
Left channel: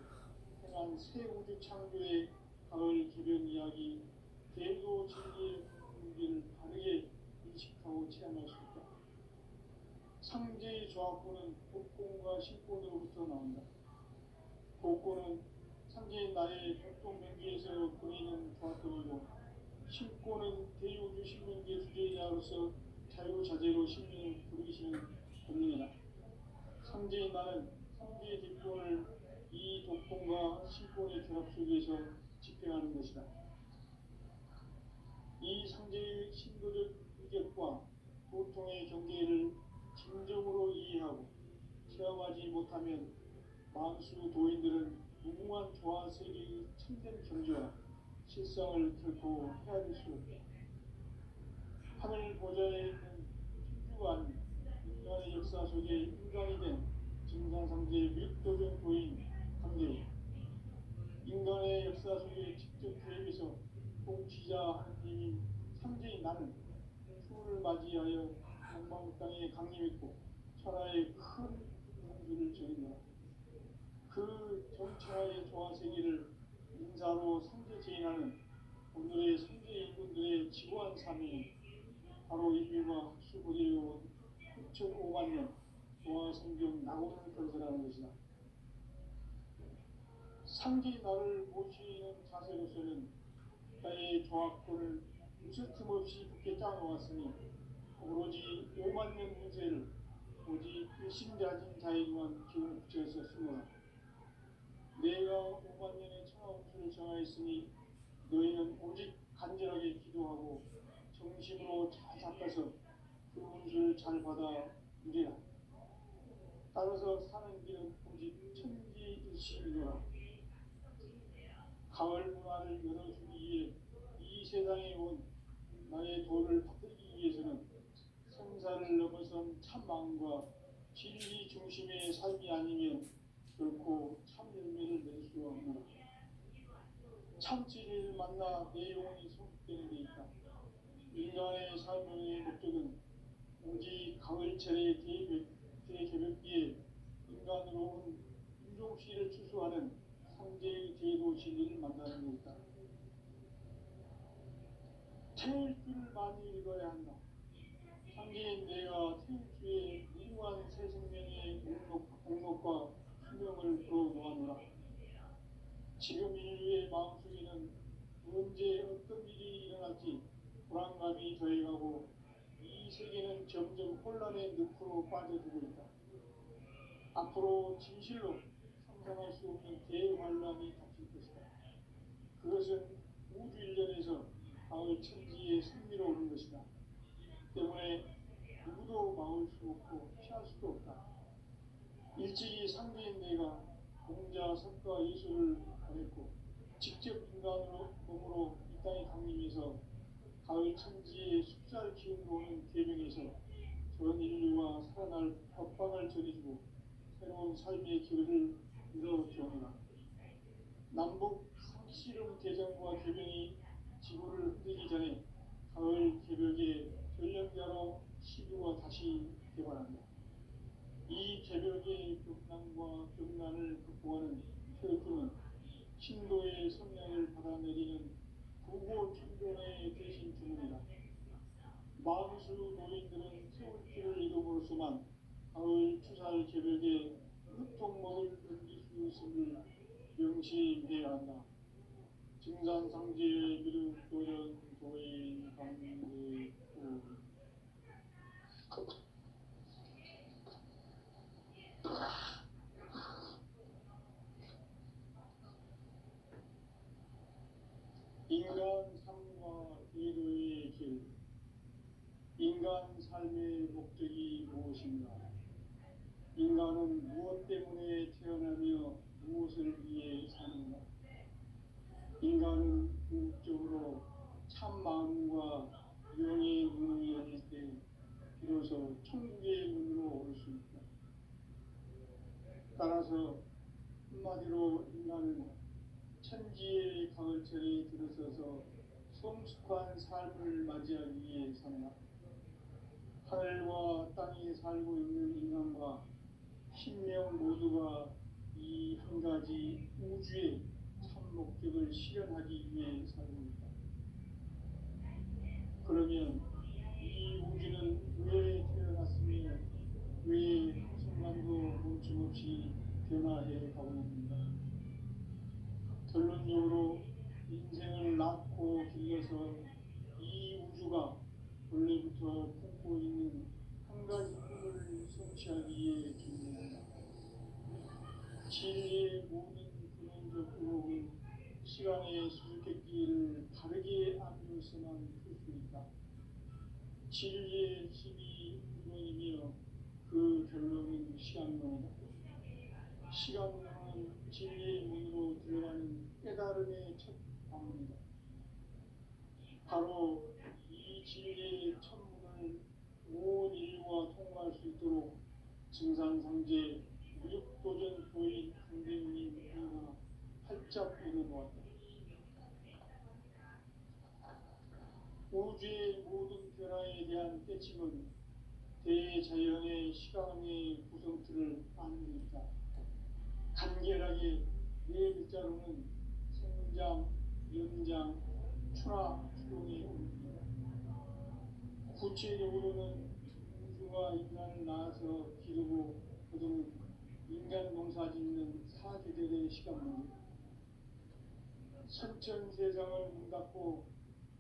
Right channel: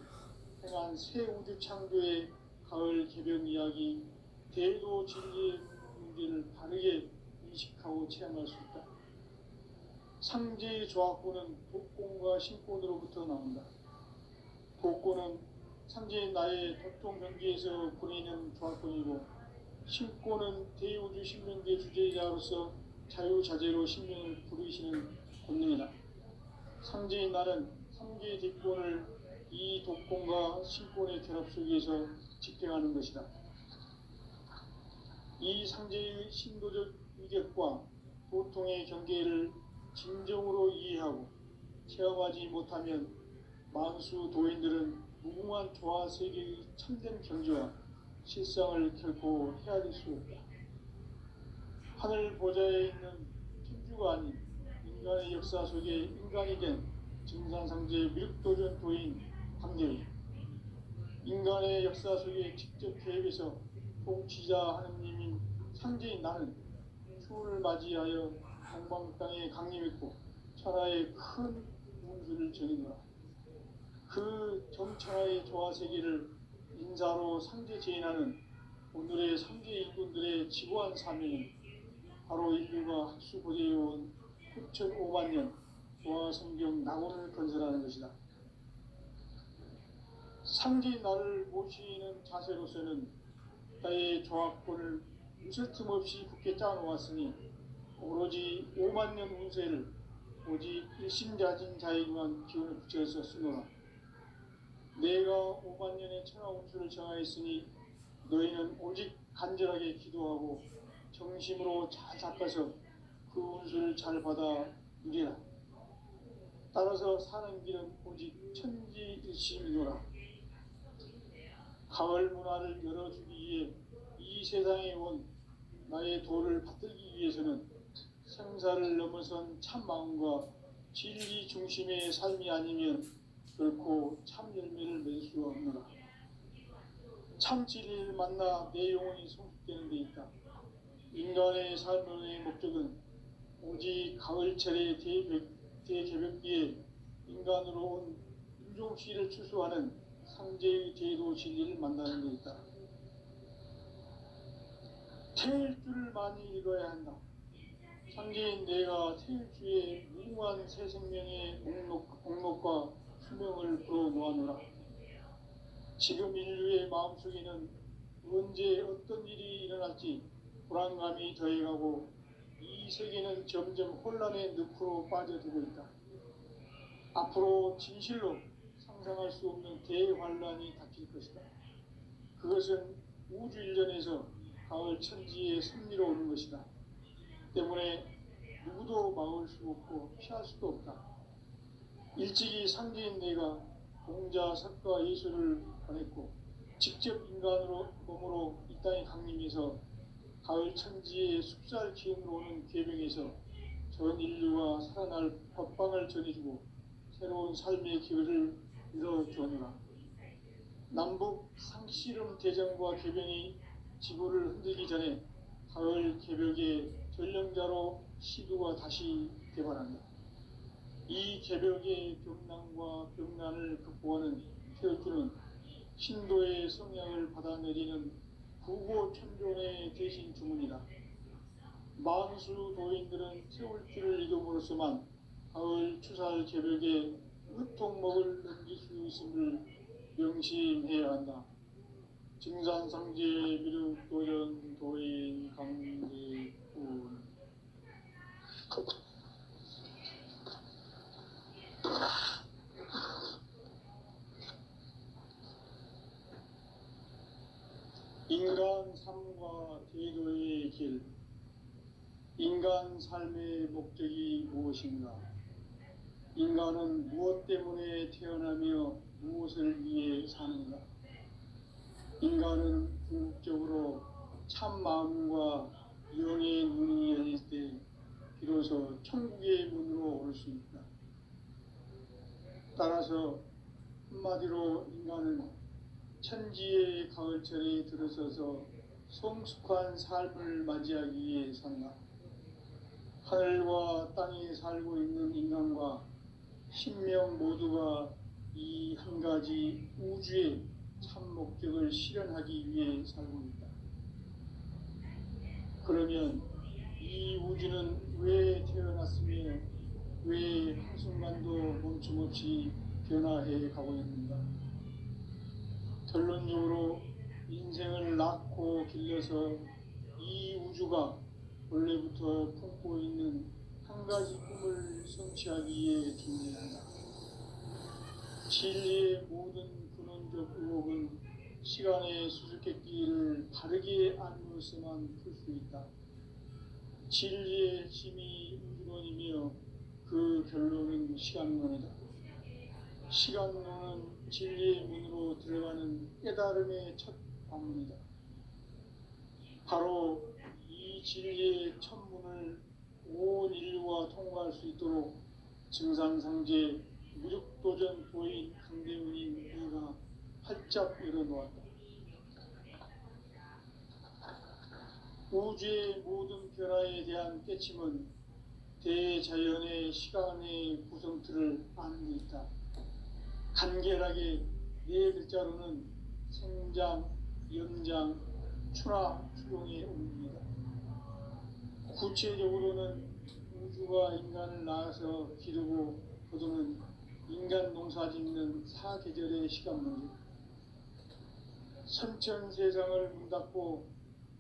행한 새 우주 창조의 가을 개벽 이야기, 대도 진리의 문제를 바르게 인식하고 체험할 수 있다. 상제의 조합권은 독권과 신권으로부터 나온다. 독권은 상제의 나의 도통 경계에서 보이는 조합권이고, 신권은 대우주 신명계 주제자로서 자유자재로 신명을 부르시는 권능이다. 상제의 나는 상제의 뒷권을 이 독권과 신권의 결합 속에서 집행하는 것이다. 이 상제의 신도적 위격과 보통의 경계를 진정으로 이해하고 체험하지 못하면 만수 도인들은 무궁한 조화 세계의 참된 경지와 실상을 결코 헤아릴 수 없다. 하늘 보좌에 있는 천주가 아닌 인간의 역사 속에 인간이 된 증산상제 미륵도전 도인 강제우, 인간의 역사 속에 직접 개입해서 통치자 하느님인 상제인 나는 추운을 맞이하여 동방 땅에 강림했고 천하의 큰 문수를 정했노라. 그 정천하의 조화세계를 인사로 상제 제인하는 오늘의 상제 일꾼들의 지고한 사명은 바로 인류가 학수 고대해온 6,500만 년 조화성경 낙원을 건설하는 것이다. 상제인 나를 모시는 자세로서는 나의 조합권을 무쇠 틈 없이 굳게 짜놓았으니 오로지 5만 년 운세를 오직 일심자진 자에게만 기운을 붙여서 쓰노라. 내가 5만 년의 천하 운수를 정하였으니 너희는 오직 간절하게 기도하고 정심으로 잘 닦아서 그 운수를 잘 받아 누리라. 따라서 사는 길은 오직 천지일심이노라. 가을 문화를 열어주기 위해 이 세상에 온 나의 도를 받들기 위해서는 생사를 넘어선 참 마음과 진리 중심의 삶이 아니면 결코 참 열매를 맺을 수 없노라. 참 진리를 만나 내 영혼이 성숙되는 데 있다. 인간의 삶의 목적은 오직 가을철의 대개벽기에 인간으로 온 인종시를 추수하는 상제의 대도 진리를 만나는 데 있다. 태일 줄을 많이 읽어야 한다. 상제인 내가 태일주의 무궁한 새 생명의 옥록과 수명을 불어모아노라. 지금 인류의 마음속에는 언제 어떤 일이 일어날지 불안감이 더해가고 이 세계는 점점 혼란의 늪으로 빠져들고 있다. 앞으로 진실로 상상할 수 없는 대환란이 닥칠 것이다. 그것은 우주 일전에서 가을 천지의 승리로 오는 것이다. 때문에 누구도 막을 수 없고 피할 수도 없다. 일찍이 상제인 내가 공자, 석가, 예수를 보냈고 직접 인간으로 몸으로 이 땅에 강림해서 가을 천지의 숲살 기운으로 오는 계명에서 전 인류가 살아날 법방을 전해주고 새로운 삶의 기회를 이뤄주노라. 남북 상씨름 대전과 개병이 지구를 흔들기 전에 가을 개벽의 전령자로 시두가 다시 개발한다. 이 개벽의 벽난과 벽난을 극복하는 태울주는 신도의 성향을 받아내리는 구고천종의 대신 주문이다. 만수 도인들은 태울주를 이름으로서만 가을 추살 개벽의 으통목을 넘길 수 있음을 명심해야 한다. 증산상제 미륵도전 도인 강제군. 인간 삶과 제도의 길. 인간 삶의 목적이 무엇인가? 인간은 무엇 때문에 태어나며 무엇을 위해 사는가? 인간은 궁극적으로 참 마음과 영의 눈이 열릴 때 비로소 천국의 문으로 올 수 있다. 따라서 한마디로 인간은 천지의 가을철에 들어서서 성숙한 삶을 맞이하기 위해 산다. 하늘과 땅에 살고 있는 인간과 신명 모두가 이 한 가지 우주의 참 목적을 실현하기 위해 살고 있다. 그러면 이 우주는 왜 태어났으며 왜 한순간도 멈춤없이 변화해 가고 있는가? 결론적으로 인생을 낳고 길러서 이 우주가 원래부터 품고 있는 한 가지 꿈을 성취하기 위해 존재한다. 진리의 모든 근원적 의혹은 시간의 수수께끼를 바르게 알므로서만 풀 수 있다. 진리의 핵심이 우주론이며 그 결론은 시간론이다. 시간론은 진리의 문으로 들어가는 깨달음의 첫 방문이다. 바로 이 진리의 첫 문을 온 인류가 통과할 수 있도록 증산상제 무력도전 보인 강대문인 이가 활짝 열어놓았다. 우주의 모든 변화에 대한 깨침은 대자연의 시간의 구성틀을 아는 데 있다. 간결하게 네 글자로는 생장, 연장, 추나 추동의 의미이다. 구체적으로는 우주가 인간을 낳아서 기르고 거두는 인간 농사 짓는 사계절의 시간문이다. 선천 세상을 문닫고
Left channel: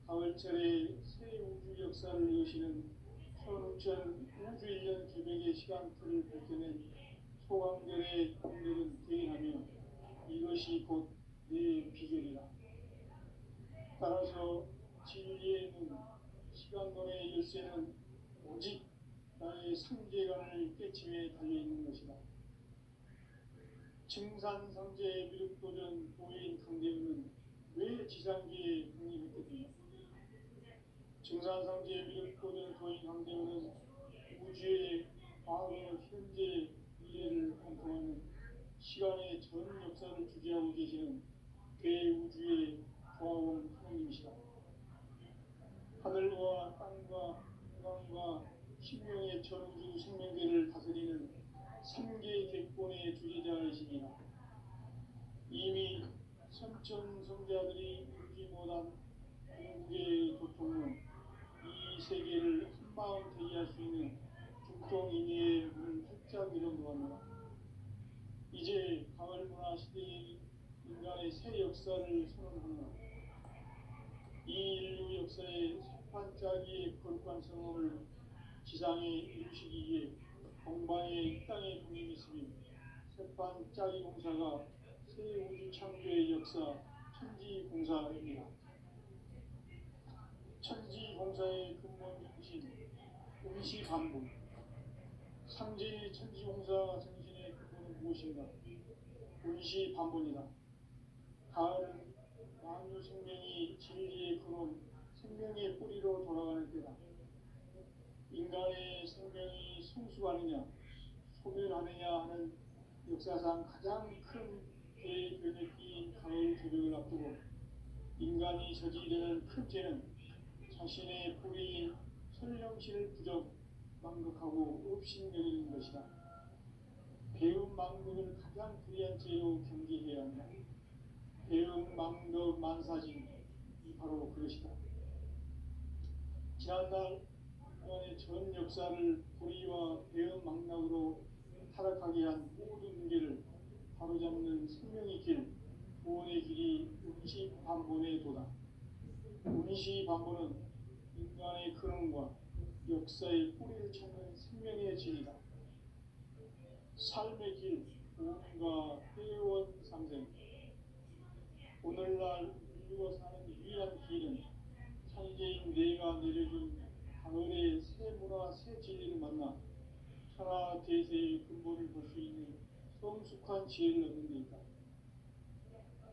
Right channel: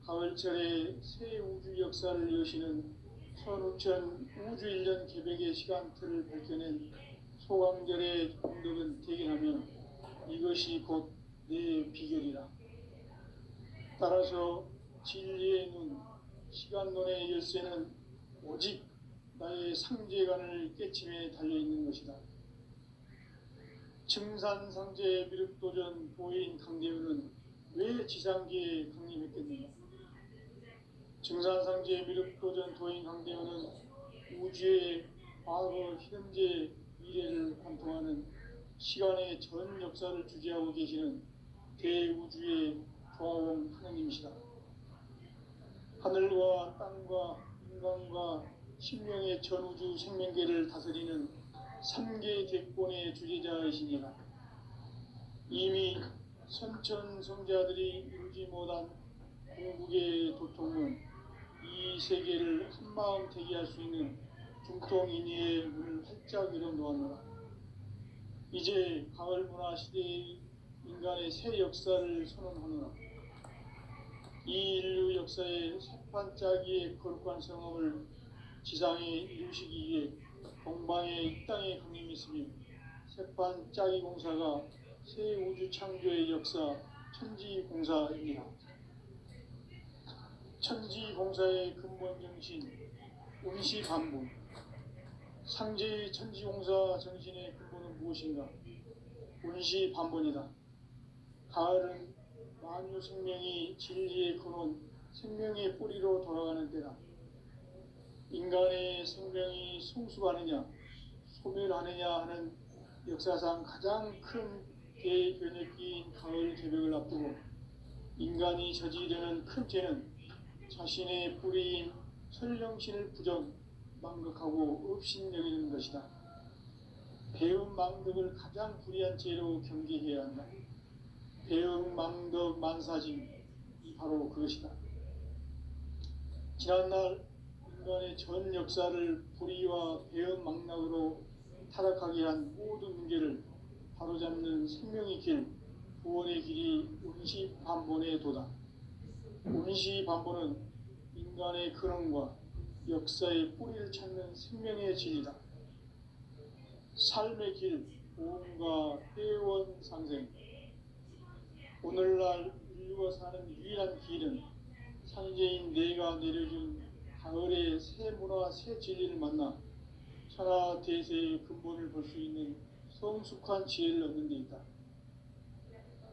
가을철에 새 우주 역사를 여시는 선우천 우주 1년 개백의 시간틀을 밝혀낸 소강절의 공덕은 대견하며 이것이 곧 내 비결이라. 따라서 진리의 눈, 시간론의 열쇠는 오직 나의 상제관을 깨침에 달려있는 것이다. 증산상제 미륵도전 보인 강대우는 왜 지상계에 강림했겠는가? 증산상제 미륵도전 도인 강대우는 우주의 과거, 현재, 미래를 관통하는 시간의 전 역사를 주재하고 계시는 대우주의 조화원 하나님이시다. 하늘과 땅과 인간과 신명의 전우주 생명계를 다스리는 3개 대권의 주재자이시니라. 이미 선천성자들이 이루지 못한 궁극의 도통은 이 세계를 한마음 대기할 수 있는 중통인의의 문을 활짝 열어놓았노라. 이제 가을문화 시대의 인간의 새 역사를 선언하노라. 이 인류 역사의 새반짝이의 거룩한 성험을 지상에 이루시기 위해 동방의 이 땅에 강림했으며 새반짝이 공사가 새 우주 창조의 역사 천지공사입니다. 천지공사의 근본 정신 운시반복. 상제의 천지공사 정신의 근본은 무엇인가? 운시반복이다. 가을은 만유 생명이 진리의 근원, 생명의 뿌리로 돌아가는 때다. 인간의 생명이 성숙하느냐, 소멸하느냐 하는 역사상 가장 큰 대변혁기인 가을 개벽을 앞두고 인간이 저지르는 큰 죄는 자신의 뿌리인 설령신을 부정, 망극하고 업신여기는 것이다. 배움 망덕을 가장 불의한 죄로 경계해야 한다. 배움 망덕 만사진, 이 바로 그것이다. 지난날 인간의 전 역사를 불의와 배움 망락으로 타락하게 한 모든 문제를 바로잡는 생명의 길, 구원의 길이 운시반본의 도다. 운시반본은 인간의 근원과 역사의 뿌리를 찾는 생명의 진리다. 삶의 길, 보험과 회원 상생. 오늘날 인류가 사는 유일한 길은 상제인 내가 내려준 가을의 새 문화, 새 진리를 만나 천하 대세의 근본을 볼 수 있는 성숙한 지혜를 얻는 데 있다.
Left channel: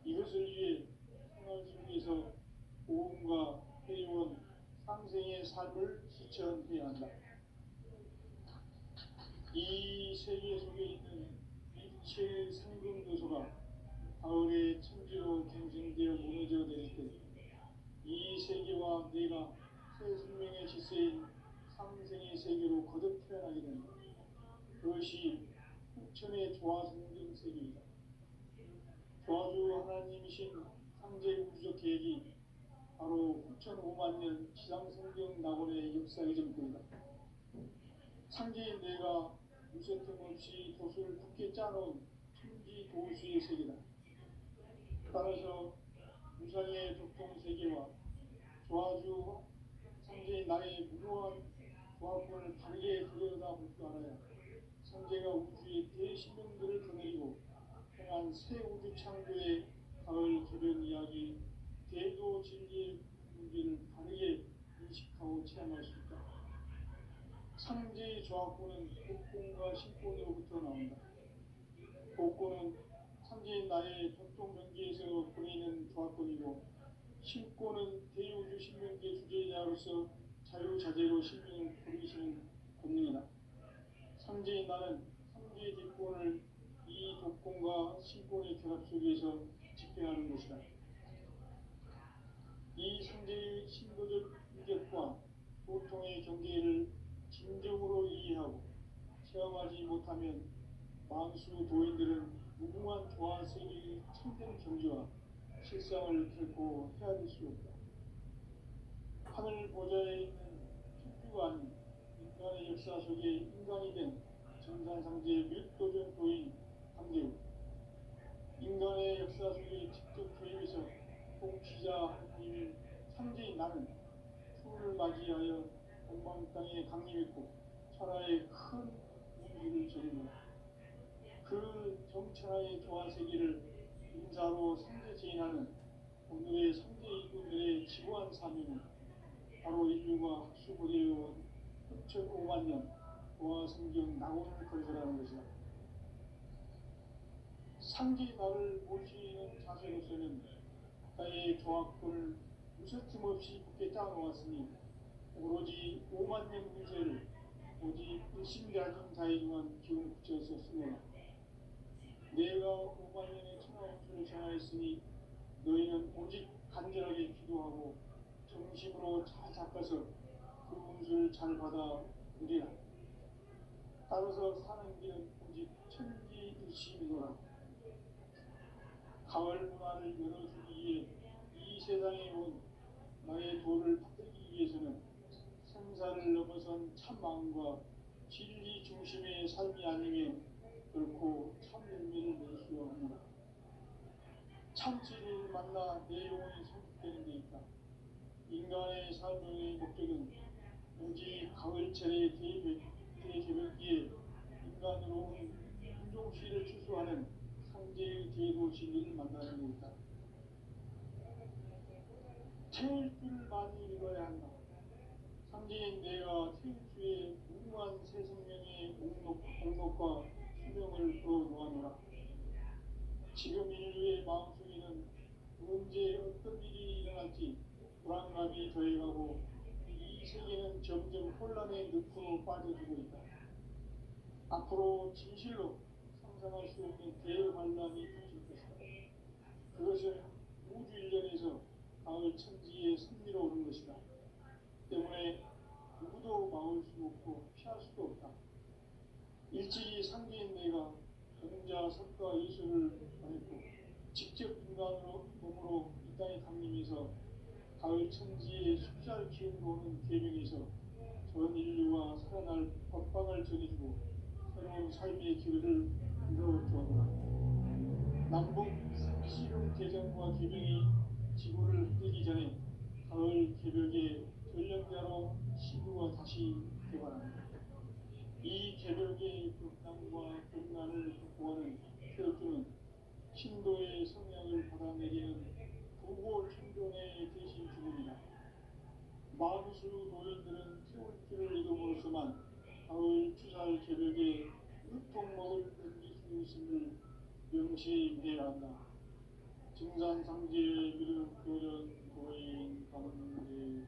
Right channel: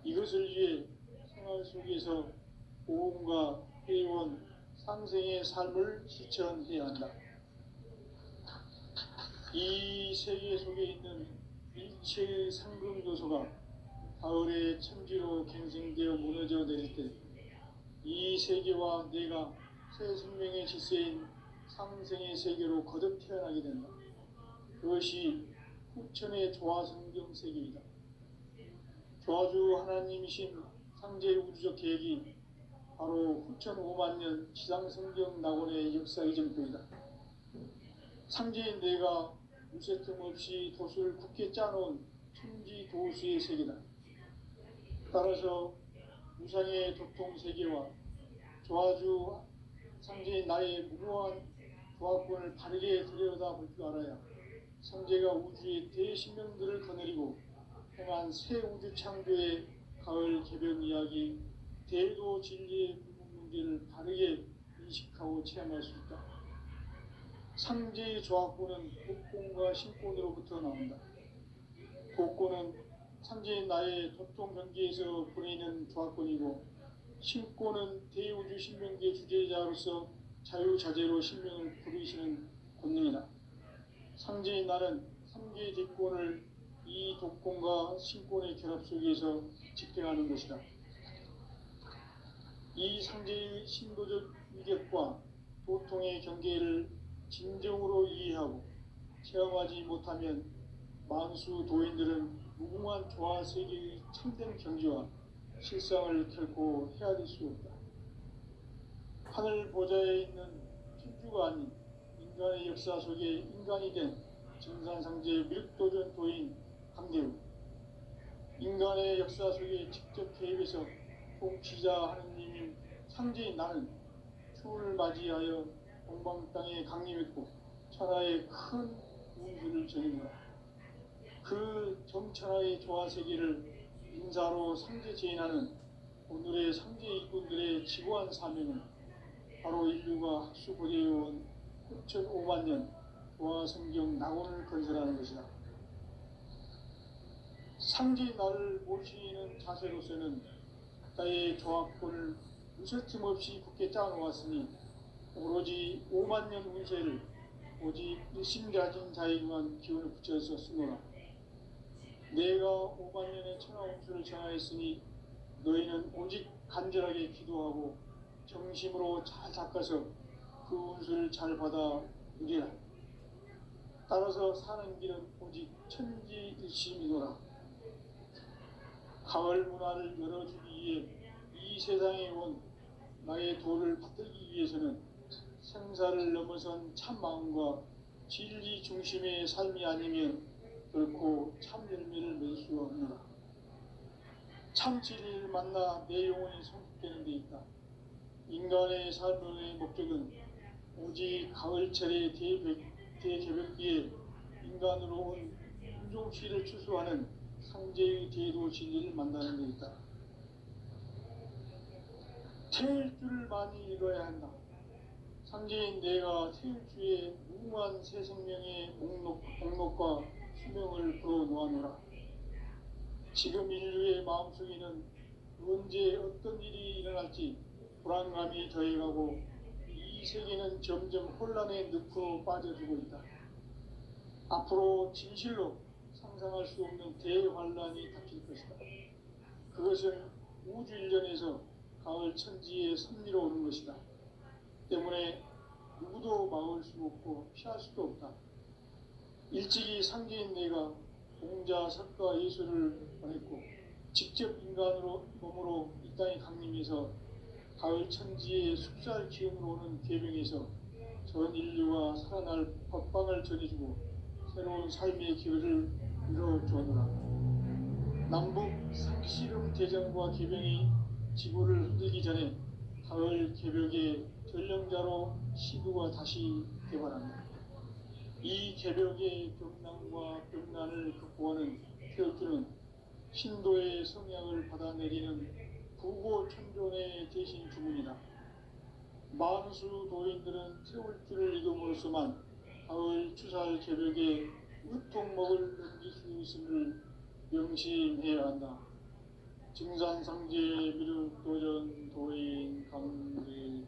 이것을 위해 생활 속에서 보험과 회원, 상생의 삶을 실천해야 한다. 이 세계 속에 있는 빛의 상금도서가 가을의 천지로 갱생되어 무너져 내릴 때 이 세계와 내가 새 생명의 질서인 상생의 세계로 거듭 태어나게 된다. 그것이 후천의 조화성경 세계이다. 조화주 하나님이신 상제의 우주적 계획이 바로 후천 5만 년 지상성경 낙원의 역사의 전표이다. 상제인 내가 무쇠틈 없이 도수를 굳게 짜놓은 천지 도수의 세계다. 따라서 무상의 교통 세계와 조화주 상제인 나의 무모한 조합권을 바르게 들여다볼 줄 알아야 상제가 우주의 대신명들을 거느리고 행한 새 우주 창조의 가을 개변 이야기, 대도 진리의 문제를 바르게 인식하고 체험할 수 있다. 상제의 조합권은 복권과 신권으로부터 나온다. 복권은 상제인 나의 도통 경계에서 보이는 조합권이고, 신권은 대우주 신명계 주제자로서 자유자재로 신명을 부르시는 권능이다. 상제인 나는 3개의 직권을 이 독권과 신권의 결합 속에서 집행하는 것이다. 이 상제의 신도적 위격과 도통의 경계를 진정으로 이해하고 체험하지 못하면 만수 도인들은 무궁한 조화 세계의 참된 경지와 실상을 결코 헤아릴 수 없다. 하늘 보좌에 있는 천주가 아닌 인간의 역사 속에 인간이 된 정산상제의 밀도전 도인 강대우, 인간의 역사 속에 직접 개입해서 통치자 하느님인 상제인 나는 추를 맞이하여 본방 땅에 강림했고 천하의 큰 운수를 전입니다. 그 정천하의 조화세계를 인사로 상제 제인하는 오늘의 상제 일꾼들의 지고한 사명은 바로 인류가 학수고대해온 6,500만 년 조화성경 낙원을 건설하는 것이다. 상제 나를 모시는 자세로서는 나의 조합권을 무쇠틈 없이 굳게 짜놓았으니 오로지 5만 년 운세를 오직 일심가진 자에게만 기운을 붙여서 쓰노라. 내가 5만 년의 천하운수를 정하였으니 너희는 오직 간절하게 기도하고 정심으로 잘 닦아서 그 운수를 잘 받아 누리라. 따라서 사는 길은 오직 천지일심이노라. 가을 문화를 열어주기 위해 이 세상에 온 나의 도를 받들기 위해서는 생사를 넘어선 참마음과 진리 중심의 삶이 아니면 결코 참 열매를 맺을 수 없노라. 참 진리를 만나 내 영혼이 성숙되는 데 있다. 인간의 삶의 목적은 오직 가을철의 대개벽기에 인간으로 온 인종시를 추수하는 상제의 대도 진리를 만나는 데 있다. 태일 줄을 많이 읽어야 한다. 상제인 내가 태일주의 무궁한 새 생명의 목록과 수명을 풀어 놓아노라. 지금 인류의 마음속에는 언제 어떤 일이 일어날지 불안감이 더해가고 이 세계는 점점 혼란의 늪으로 빠져들고 있다. 앞으로 진실로 상상할 수 없는 대환란이 닥칠 것이다. 그것은 우주 일련에서 가을 천지의 섭리로 오는 것이다. 때문에 누구도 막을 수 없고 피할 수도 없다. 일찍이 상제인 내가 공자, 석가, 예수를 보냈고 직접 인간으로 몸으로 이 땅에 강림해서 가을 천지의 숲살 기운으로 오는 계명에서 전 인류가 살아날 법방을 전해주고 새로운 삶의 기회를 이뤄주었노라. 남북 상씨름 대전과 계명이 지구를 흔들기 전에 가을 개벽의 전령자로 시구가 다시 개발합니다. 이 개벽의 벽난과 벽난을 극복하는 태울주는 신도의 성향을 받아내리는 부고천존의 대신 주문이다. 만수 도인들은 태울주를 이름으로서만 가을 추살 개벽에 으통먹을 넘길 수 있음을 명심해야 한다. 증산상제 미륵도전 도인 강대훈